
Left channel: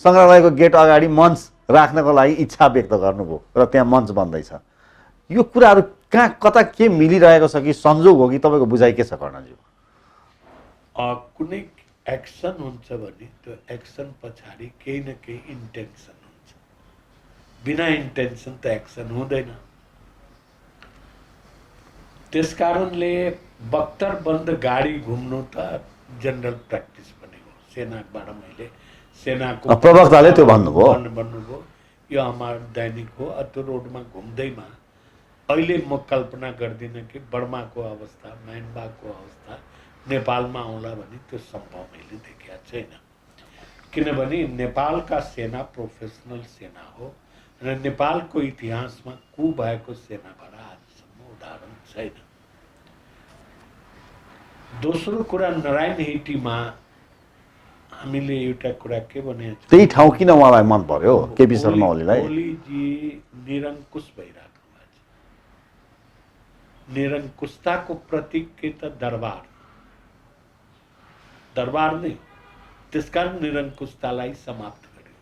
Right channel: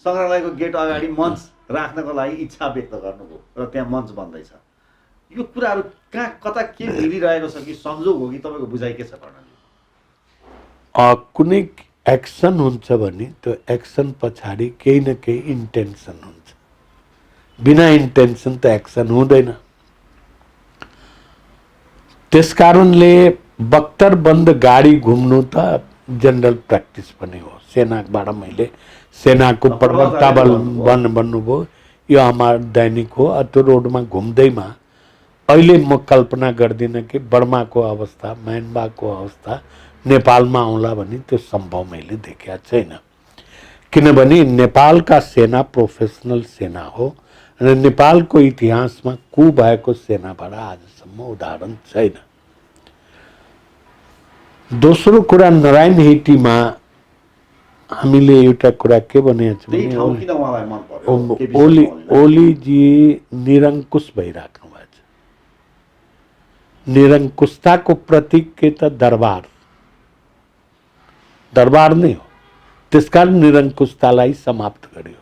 सङ्ग्रहालयको गेट अगाडि मञ्च राख्नको लागि इच्छा व्यक्त गर्नुभयो र त्यहाँ मञ्च बन्दैछ। यो कुराहरू कहाँ कता के मिलिरहेको छ कि संजोग हो कि तपाईँको बुझाइ के छ कर्णजी? कुनै एक्सन हुन्छ भने त्यो एक्सन पछाडि केही न केही इन्टेन्सन हुन्छ। बिना इन्टेन्सन त एक्सन हुँदैन। त्यसकारणले बख्तरबन्द गाडी घुम्नु त जनरल प्र्याक्टिस पनि हो। सेनाबाट मैले सेनाको प्रवक्ताले त भन्नुभयो यो हाम्रो दैनिक हो। त्यो रोडमा घुम्दैमा अहिले म कल्पना गर्दिनँ कि बर्माको अवस्था, म्यानमारको अवस्था नेपालमा आउला भने त्यो सम्भव मैले देखेको छैन। किनभने नेपालका सेना प्रोफेसनल सेना हो र नेपालको इतिहासमा कु भएको सेनाबाट आजसम्म उदाहरण छैन। दोस्रो कुरा, नारायण हिटीमा हामीले एउटा कुरा के भनेको छौँ, त्यही ठाउँ किन उहाँलाई मन पर्यो केपी शर्मा ओलीलाई? ओलीजी निरङ्कुश भइराख्नु भएको छ। निरङ्कुशताको प्रतीक के त दरबार नै हो। त्यसकारण निरङ्कुशतालाई समाप्त गर्यो।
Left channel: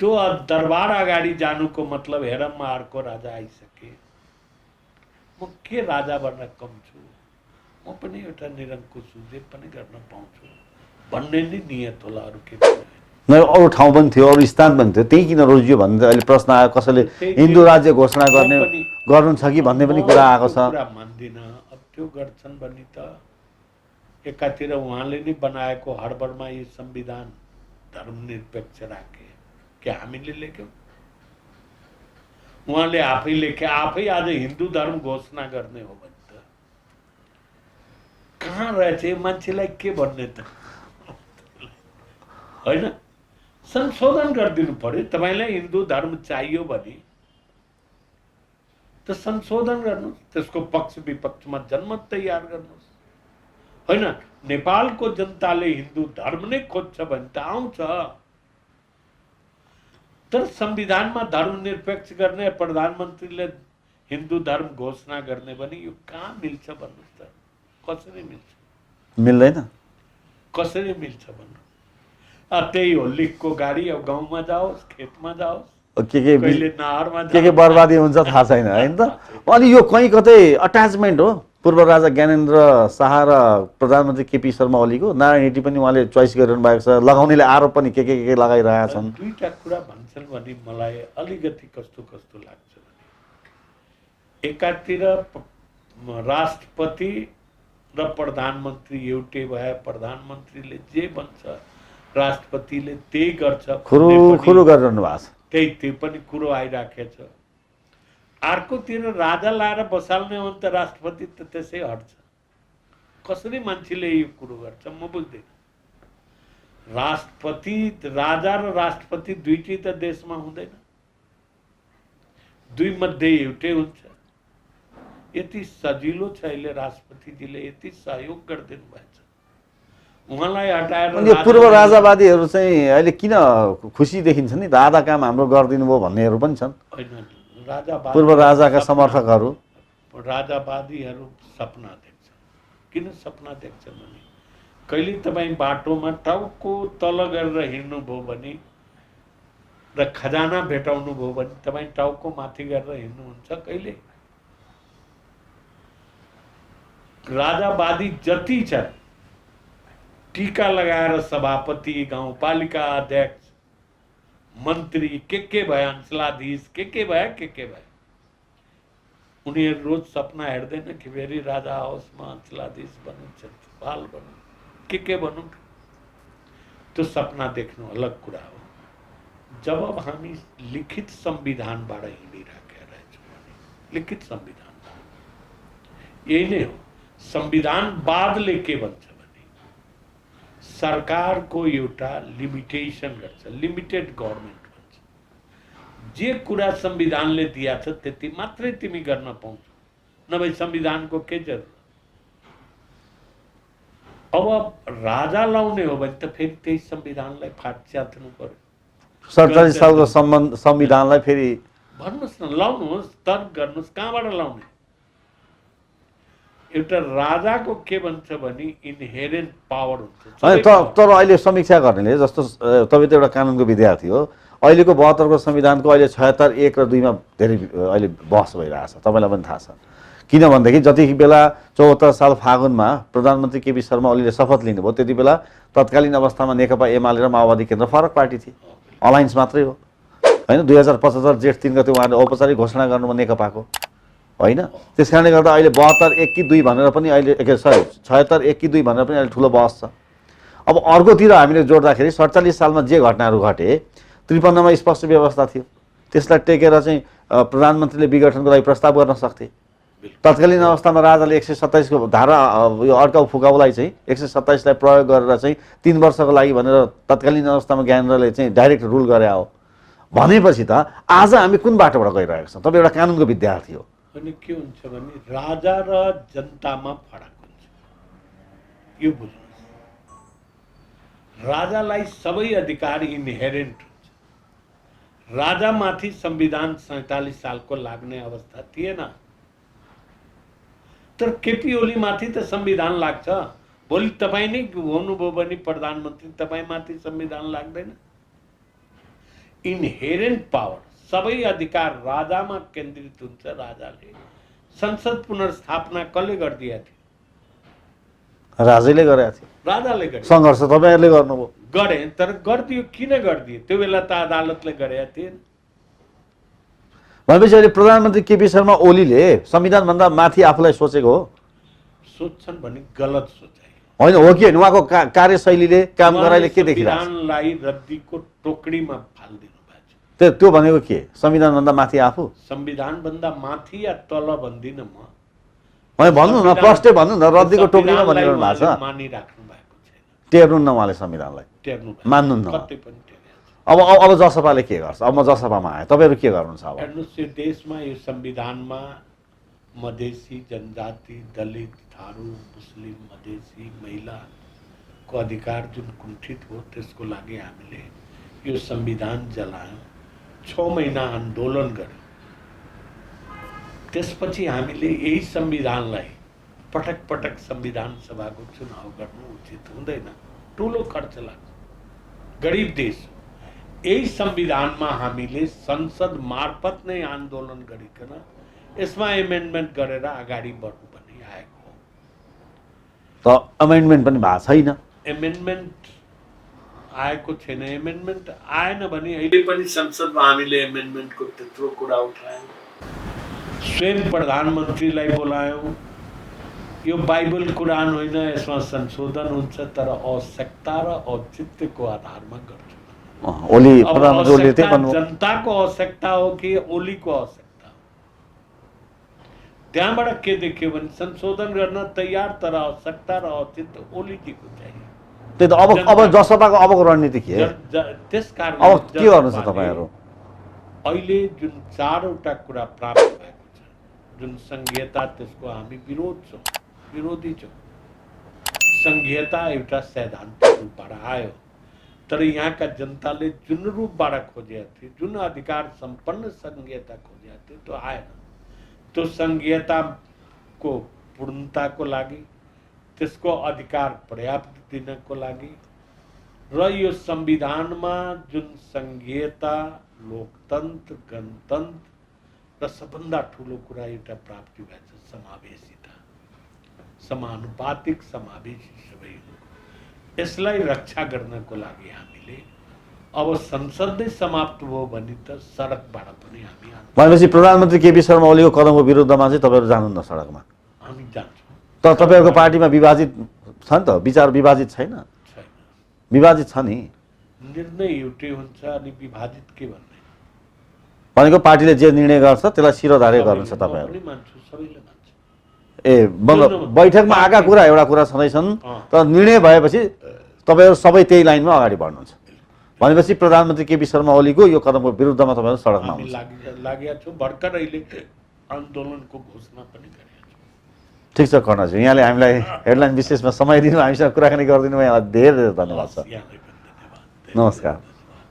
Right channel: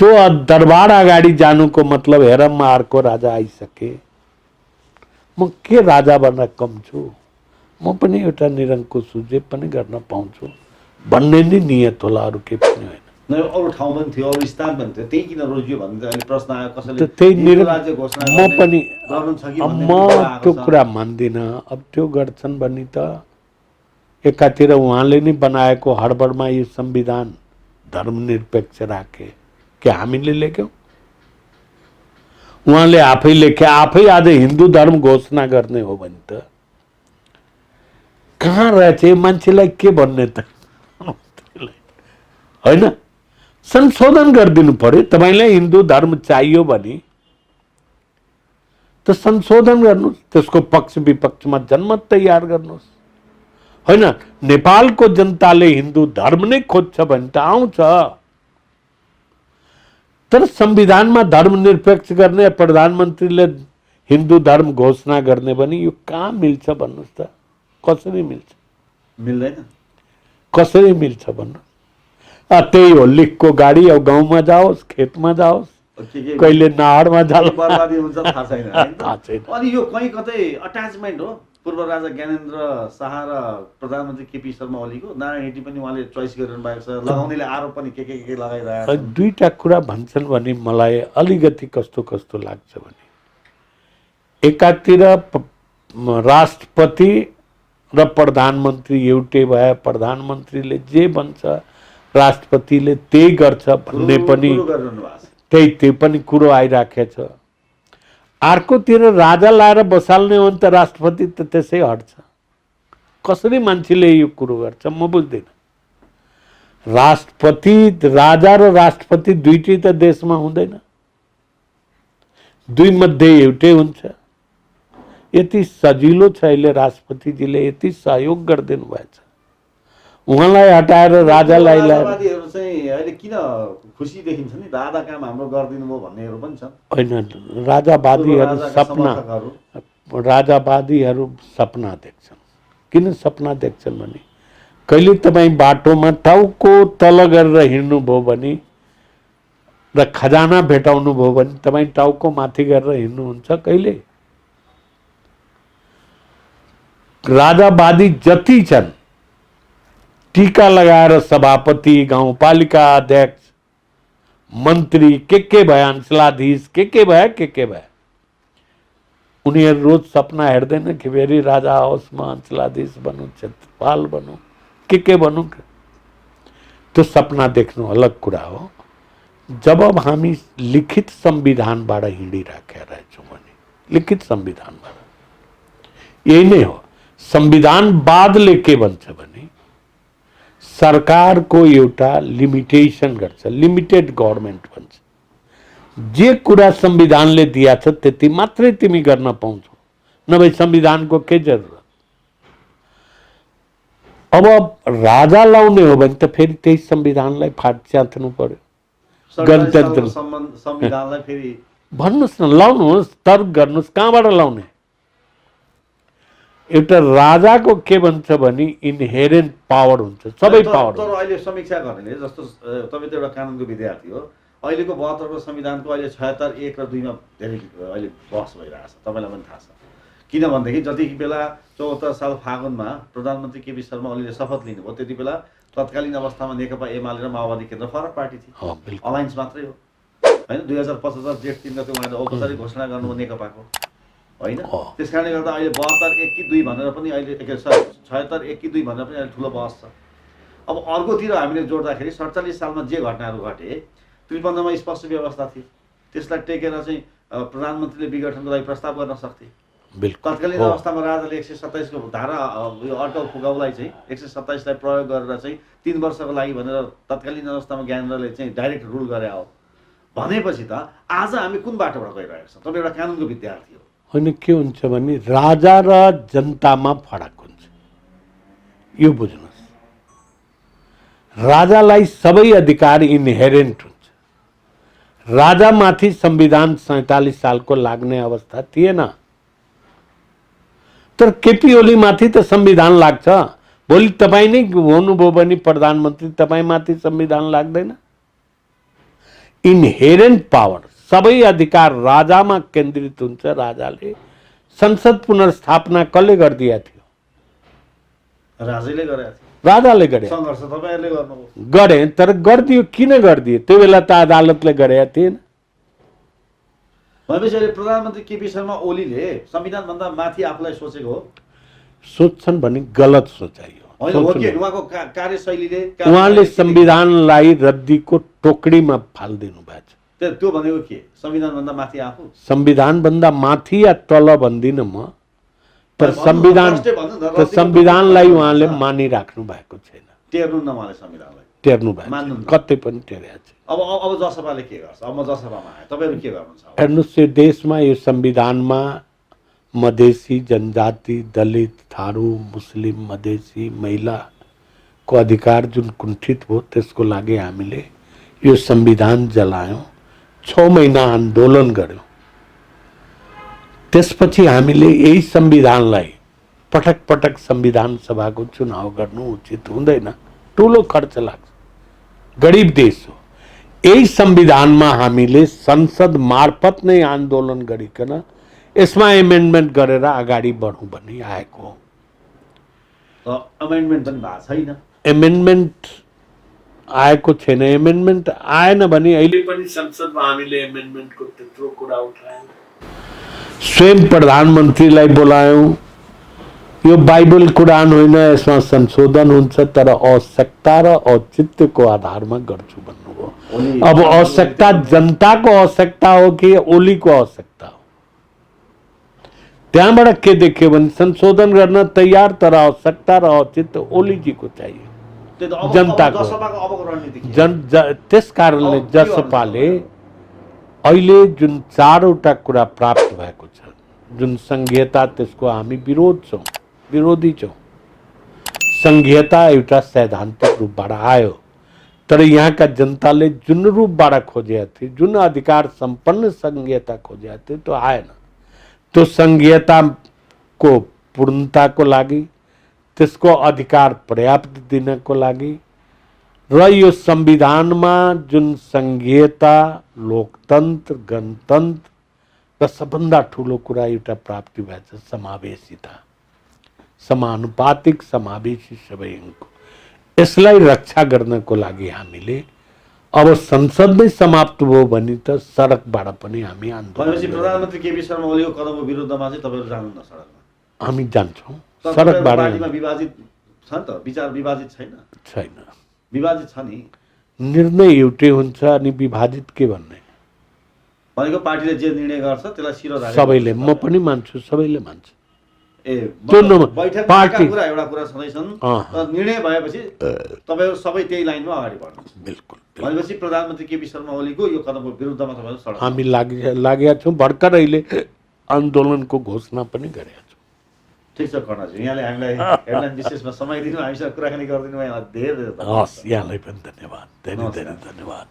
त्यो दरबार अगाडि जानुको मतलब हेर म अर्को राजा आइसके, म के राजा बन्न कम छु, म पनि एउटा निरङ्कुश छु, जे पनि गर्न पाउँछु भन्ने नै नियत होला, अरू केही पनि होइन। अरू ठाउँ पनि थियो, अरू स्थान पनि थियो, त्यही किन रोजियो भन्ने अहिले प्रश्न आयो। कसैले त्यही हिन्दू राज्य घोषणा गर्नु छ कि भन्ने पनि कुरा आएको त्यो छ। कुरा मान्दिनँ। अब त्यो गर्छन् भने त एकातिर उहाँले नै बनाएको हडबडमा यो संविधान धर्मनिरपेक्ष राखे कि हामीले लेख्यौँ? उहाँले आफै लेखे, आफै आज हिन्दू धर्म घोषणा गर्ने हो भने त कहाँ रहेछ मान्छेलाई के भन्ने त होइन? संशोधन गरिदिनु पर्यो। तपाईँलाई हिन्दू धर्म चाहियो भने त संशोधन गर्नुहोस्, त्यसको पक्ष विपक्षमा जनमत तयार गर्नुहोस्। होइन, नेपालको जनताले हिन्दू धर्म नै खोज्छ भने त आउँछ, तर संविधानमा धर्मनिरपेक्ष गर्ने, प्रधानमन्त्रीले हिन्दू धर्म घोषणा गर्ने भने यो कहाँ मिल्छ भन्नुहोस् त? कसरी मिल्छ? मिल्दैन। कसरी मिल्छ भन्नु? त्यही हो, लिखको गाडी अब गाउँमा जाओस्, खेतमा जाओस्, कहिले नाहरमा के बर्बादी हुन्छ थाहा छैन हैन त। अनि यो कहीँ कतै अट्याचमेन्ट हो। पूर्व राजा ज्ञानेन्द्र शाह र प्रधानमन्त्री केपी शर्मा ओलीको नारायण हिटी पनि उहाँले चोइस गरिरहनु भएको छ। लगाउनेले आरोप पनि के लगाइरहेका छन्। दुईटा कुरा भन्छन् भने मलाई अलिकति कस्तो कस्तो लाग्छ भने, एकातिर राष्ट्रपति र प्रधानमन्त्री एउटै भए, प्रधानमन्त्रीले जे भन्छ राष्ट्रपतिले त्यही गर्छ भन्ने पनि गरिरहनु भएको छ। त्यही पनि कुरो आइराखेको छ। अर्कोतिर राजा लाएर बसाल्ने हो भने त राष्ट्रपति त त्यसै हट्छ। कसरी मान्छेले यो कुरो गर्छ म बुझ्दिनँ। राष्ट्रपति, राजा र राष्ट्रपति दुईटै त देशमा हुँदैन, दुई मध्ये एउटै हुन्छ। यति सजिलो छ अहिले राष्ट्रपतिजीले यति सहयोग गरिदिनु भएछ। उहाँलाई हटाएर राजावादीहरू चाहिँ अहिले किन खुसी देखिन्छ नि? आधा काम हाम्रो गरिदिनु भयो भन्नेहरू पनि छन्। होइन, राजावादीहरू सपना देख्छन्। किन सपना देख्छन् भने, कहिले तपाईँ बाटोमा टाउको तल गरेर हिँड्नुभयो भने र खजाना भेटाउनु भयो भने तपाईँ टाउको माथि गरेर हिँड्नुहुन्छ कहिले? राजावादी जति छन्, टीका लगाएर सभापति, गाउँपालिका अध्यक्ष, मन्त्री के भए, अंशलाधीश के भए, उनीहरू रोज सपना हेर्दैन कि फेरि राजा आओस्, म अंशलाधीश बनूँ, क्षेत्रपाल बनूँ, के बनूँ? त्यो सपना देख्नु अलग कुरा हो। जब अब हामी लिखित संविधानबाट हिँडिराखेका रहेछौँ भने, लिखित संविधानबाट यही नै हो। संविधानवादले के भन्छ भने सरकारको एउटा लिमिटेसन गर्छ, लिमिटेड गभर्नमेन्ट भन्छ। जे कुरा संविधानले दिया छ त्यति मात्रै तिमी गर्न पाउँछौ, नभए संविधानको के जरुरत? अब राजा लाउने हो भने त फेरि त्यही संविधानलाई च्यात्नु पर्यो। 47 सालको संविधानलाई फेरि भन्नुहोस् न, लाउनुहोस्, तर्क गर्नुहोस्, कहाँबाट लाउने? एउटा राजाको के भन्छ भने इनहेरेन्ट पावर हुन्छ, सबै पावर। तर अहिले समीक्षा गर्नेले, जस्तो तपाईँ त एउटा कानुनको विद्यार्थी हो, अहिलेको 72 को संविधानको अहिले 76, 1 र 2 मा धेरै अहिले बहस भइरहेछ, तपाईँलाई पनि थाहा छ। किनभनेदेखि जति बेला 74 साल फागुनमा प्रधानमन्त्री केपी शर्मा ओलीले शपथ लिनुभयो, त्यति बेला तत्कालीन अवस्थामा नेकपा एमाले र माओवादी केन्द्र फरक पार्टी थिए, अलायन्स मात्रै हो होइन। 2075 जेठ 3 गते उहाँले औपचारिक घोषणा गर्नुभयो नेकपाको होइन। त्यस कारणले गर्दा अहिले 72, 1 कि 2 भनेर पनि अहिले 76, 1 कि 2 भनेर पनि अहिले ठुलो बहस छ। अब अर्कोतिर हामीले जोड्दाखेरि 47 सालमा जे घटनाहरू घटे, 53 मा स्पष्ट व्यवस्था थियो, त्यसलाई टेकेर चाहिँ प्रधानमन्त्रीले विघटनको लागि प्रस्ताव गर्न सक्थे। तत्कालीन अवस्थामा राजाले 127 को धारा यो अड्काउ फुकाउलाई चाहिँ 127 लाई प्रयोग गरेर चाहिँ 3 वर्षको लागि भनेर तत्कालीन अवस्थामा ज्ञानेन्द्रले चाहिँ डाइरेक्ट रुल गरे हो भनेपछि त आज हामी कुन बाटोबाट गइरहेका छौँ? तपाईँ एउटा कानुनको विद्यार्थी हो होइन। के हुन्छ भने राजा र जनतामा फरक हुन्छ, यो बुझ्नुहोस्। राजालाई सबै अधिकार इनहेरेन्ट हुन्छ। राजामाथि संविधान 47 सालको लाग्ने अवस्था थिएन, तर केपी ओली माथि त संविधान लाग्छ। भोलि तपाईँ नै हुनुभयो भने प्रधानमन्त्री, तपाईँमाथि संविधान लाग्दैन। इनहेरेन्ट पावर, सबै अधिकार राजामा केन्द्रित हुन्छ। राजाले संसद पुनर्स्थापना कसले गरिदिया थियो? राजैले गरेका थिए राजाले गरे सङ्घर्ष तपाईँहरूले गर्नुभयो गरे तर गरिदियो किन गरिदियो त्यो बेला त अदालतले गरेका थिएन भनेपछि अहिले प्रधानमन्त्री केपी शर्मा ओलीले संविधानभन्दा माथि आफूलाई सोचेको हो सोच्छन् भने गलत सोचाइ हो होइन हो कि होइन? उहाँको कार्यशैलीले काम उहाँले गराइले के देखिन्छ? संविधानलाई रद्दीको टोकरीमा फालिदिनु भएको छ त्यो भनेको के संविधानभन्दा माथि आफू संविधानभन्दा माथि या तल भन्दिनँ म होइन, भन्नु न, प्रष्टै भन्नु न, रद्दीको संविधानलाई टोकरीमा उहाँले भन्नु भएको छ। मानिराख्नु भएको छैन टेर्नु न उहाँले संविधानलाई टेर्नु भएको मान्नुहुन्न। कतै पनि टेरेको छ अब जसपाले के गर्छ अब म जसपामा आएँ तपाईँहरू के गर्नुहुन्छ अब हेर्नुहोस् यो देशमा यो संविधानमा मधेसी जनजाति दलित थारू मुस्लिम मधेसी महिलाको अधिकार जुन कुण्ठित भयो त्यसको लागि हामीले यो संविधान जलायौँ 6 महिना आन्दोलन गर्यौँ त्यसपछि हामीले यही संविधानलाई पटक पटक संविधान सभाको चुनाव गर्नु उचित हुँदैन ठुलो खर्च लाग्छ गरिब देश हो यही संविधानमा हामीले संसद मार्फत नै आन्दोलन गरिकन यसमा एमेन्डमेन्ट गरेर अगाडि बढौँ भन्ने आएको हो त अमेन्डमेन्ट पनि भएको छैन एमेन्डमेन्ट आएको छैन एमेन्डमेन्ट आएन भने अहिले पनि संसदमा हामीले एमेन्डमेन्टको त्यत्रो कुरा उठायौँ स्वयं प्रधानमन्त्रीलाई बोलायौँ यो बाइबल कुरान होइन यसमा संशोधन हुन्छ तर आवश्यकता र औचित्यको आधारमा गर्छु भन्नुभयो ओली अब आवश्यकता जनताको आवश्यकता हो कि ओलीको आवश्यकता हो त्यहाँबाट के देख्यो भने संशोधन गर्न तयार तर आवश्यकता र औचित्य ओलीजीको चाहिए त्यही त अब जनताको। जसपाको अबको रणनीति के हो? त्यस कारणले अब के गर्नु छ जसपाले तपाईँहरू? अहिले जुन 4वटा कुरा प्राप्त भएको छ जुन संघीयता त्यसको हामी विरोधी छौँ संघीयता एउटा सैद्धान्तिक रूपबाट आयो तर यहाँका जनताले जुन रूपबाट खोजेका थिए जुन अधिकार सम्पन्न संघीयता खोजेका थिए त्यो आएन त्यो संघीयताको पूर्णताको लागि त्यसको अधिकार पर्याप्त दिनको लागि र यो संविधानमा जुन संघीयता लोकतन्त्र गणतन्त्र र सबभन्दा ठुलो कुरा एउटा प्राप्ति भएछ समावेशिता समानुपातिक समावेशी सबैको यसलाई रक्षा गर्नको लागि हामीले अब संसद नै समाप्त भयो भने त सडकबाट पनि हामी भनेपछि प्रधानमन्त्री केपी शर्मा ओलीको कदमको विरुद्धमा चाहिँ तपाईँहरू जानुहुन्न सडकमा हामी जान्छौँ तर तपाईँहरूको पार्टीमा विभाजित छ नि त विचार विभाजित छैन छैन विभाजित छ नि निर्णय एउटै हुन्छ अनि विभाजित के भन्ने भनेको पार्टीले जे निर्णय गर्छ त्यसलाई शिरोधार्य सबैले गर्छ म तपाईहरू। पनि मान्छु सबैले मान्छ ए बैठकमा आएका कुरा एउटा कुरा छँदैछन् तर निर्णय भएपछि तपाईँहरू सबै त्यही लाइनमा अगाडि बढ्नुहुन्छ बिल्कुल भनेपछि प्रधानमन्त्री केपी शर्मा ओलीको यो कदमको विरुद्धमा तपाईँहरू सडक हामी लागेका छौँ भर्खर अहिले आन्दोलनको घोषणा पनि गरेका छौँ ठिक छ कर्णजी यहाँले हामीलाई हेडलाइन विशेषमा समय दिनु हामीसँग कुराकानी गरिदिनु भयो धेरै धेरै धन्यवाद यहाँलाई पनि धन्यवाद धेरै धेरै नमस्कार। धन्यवाद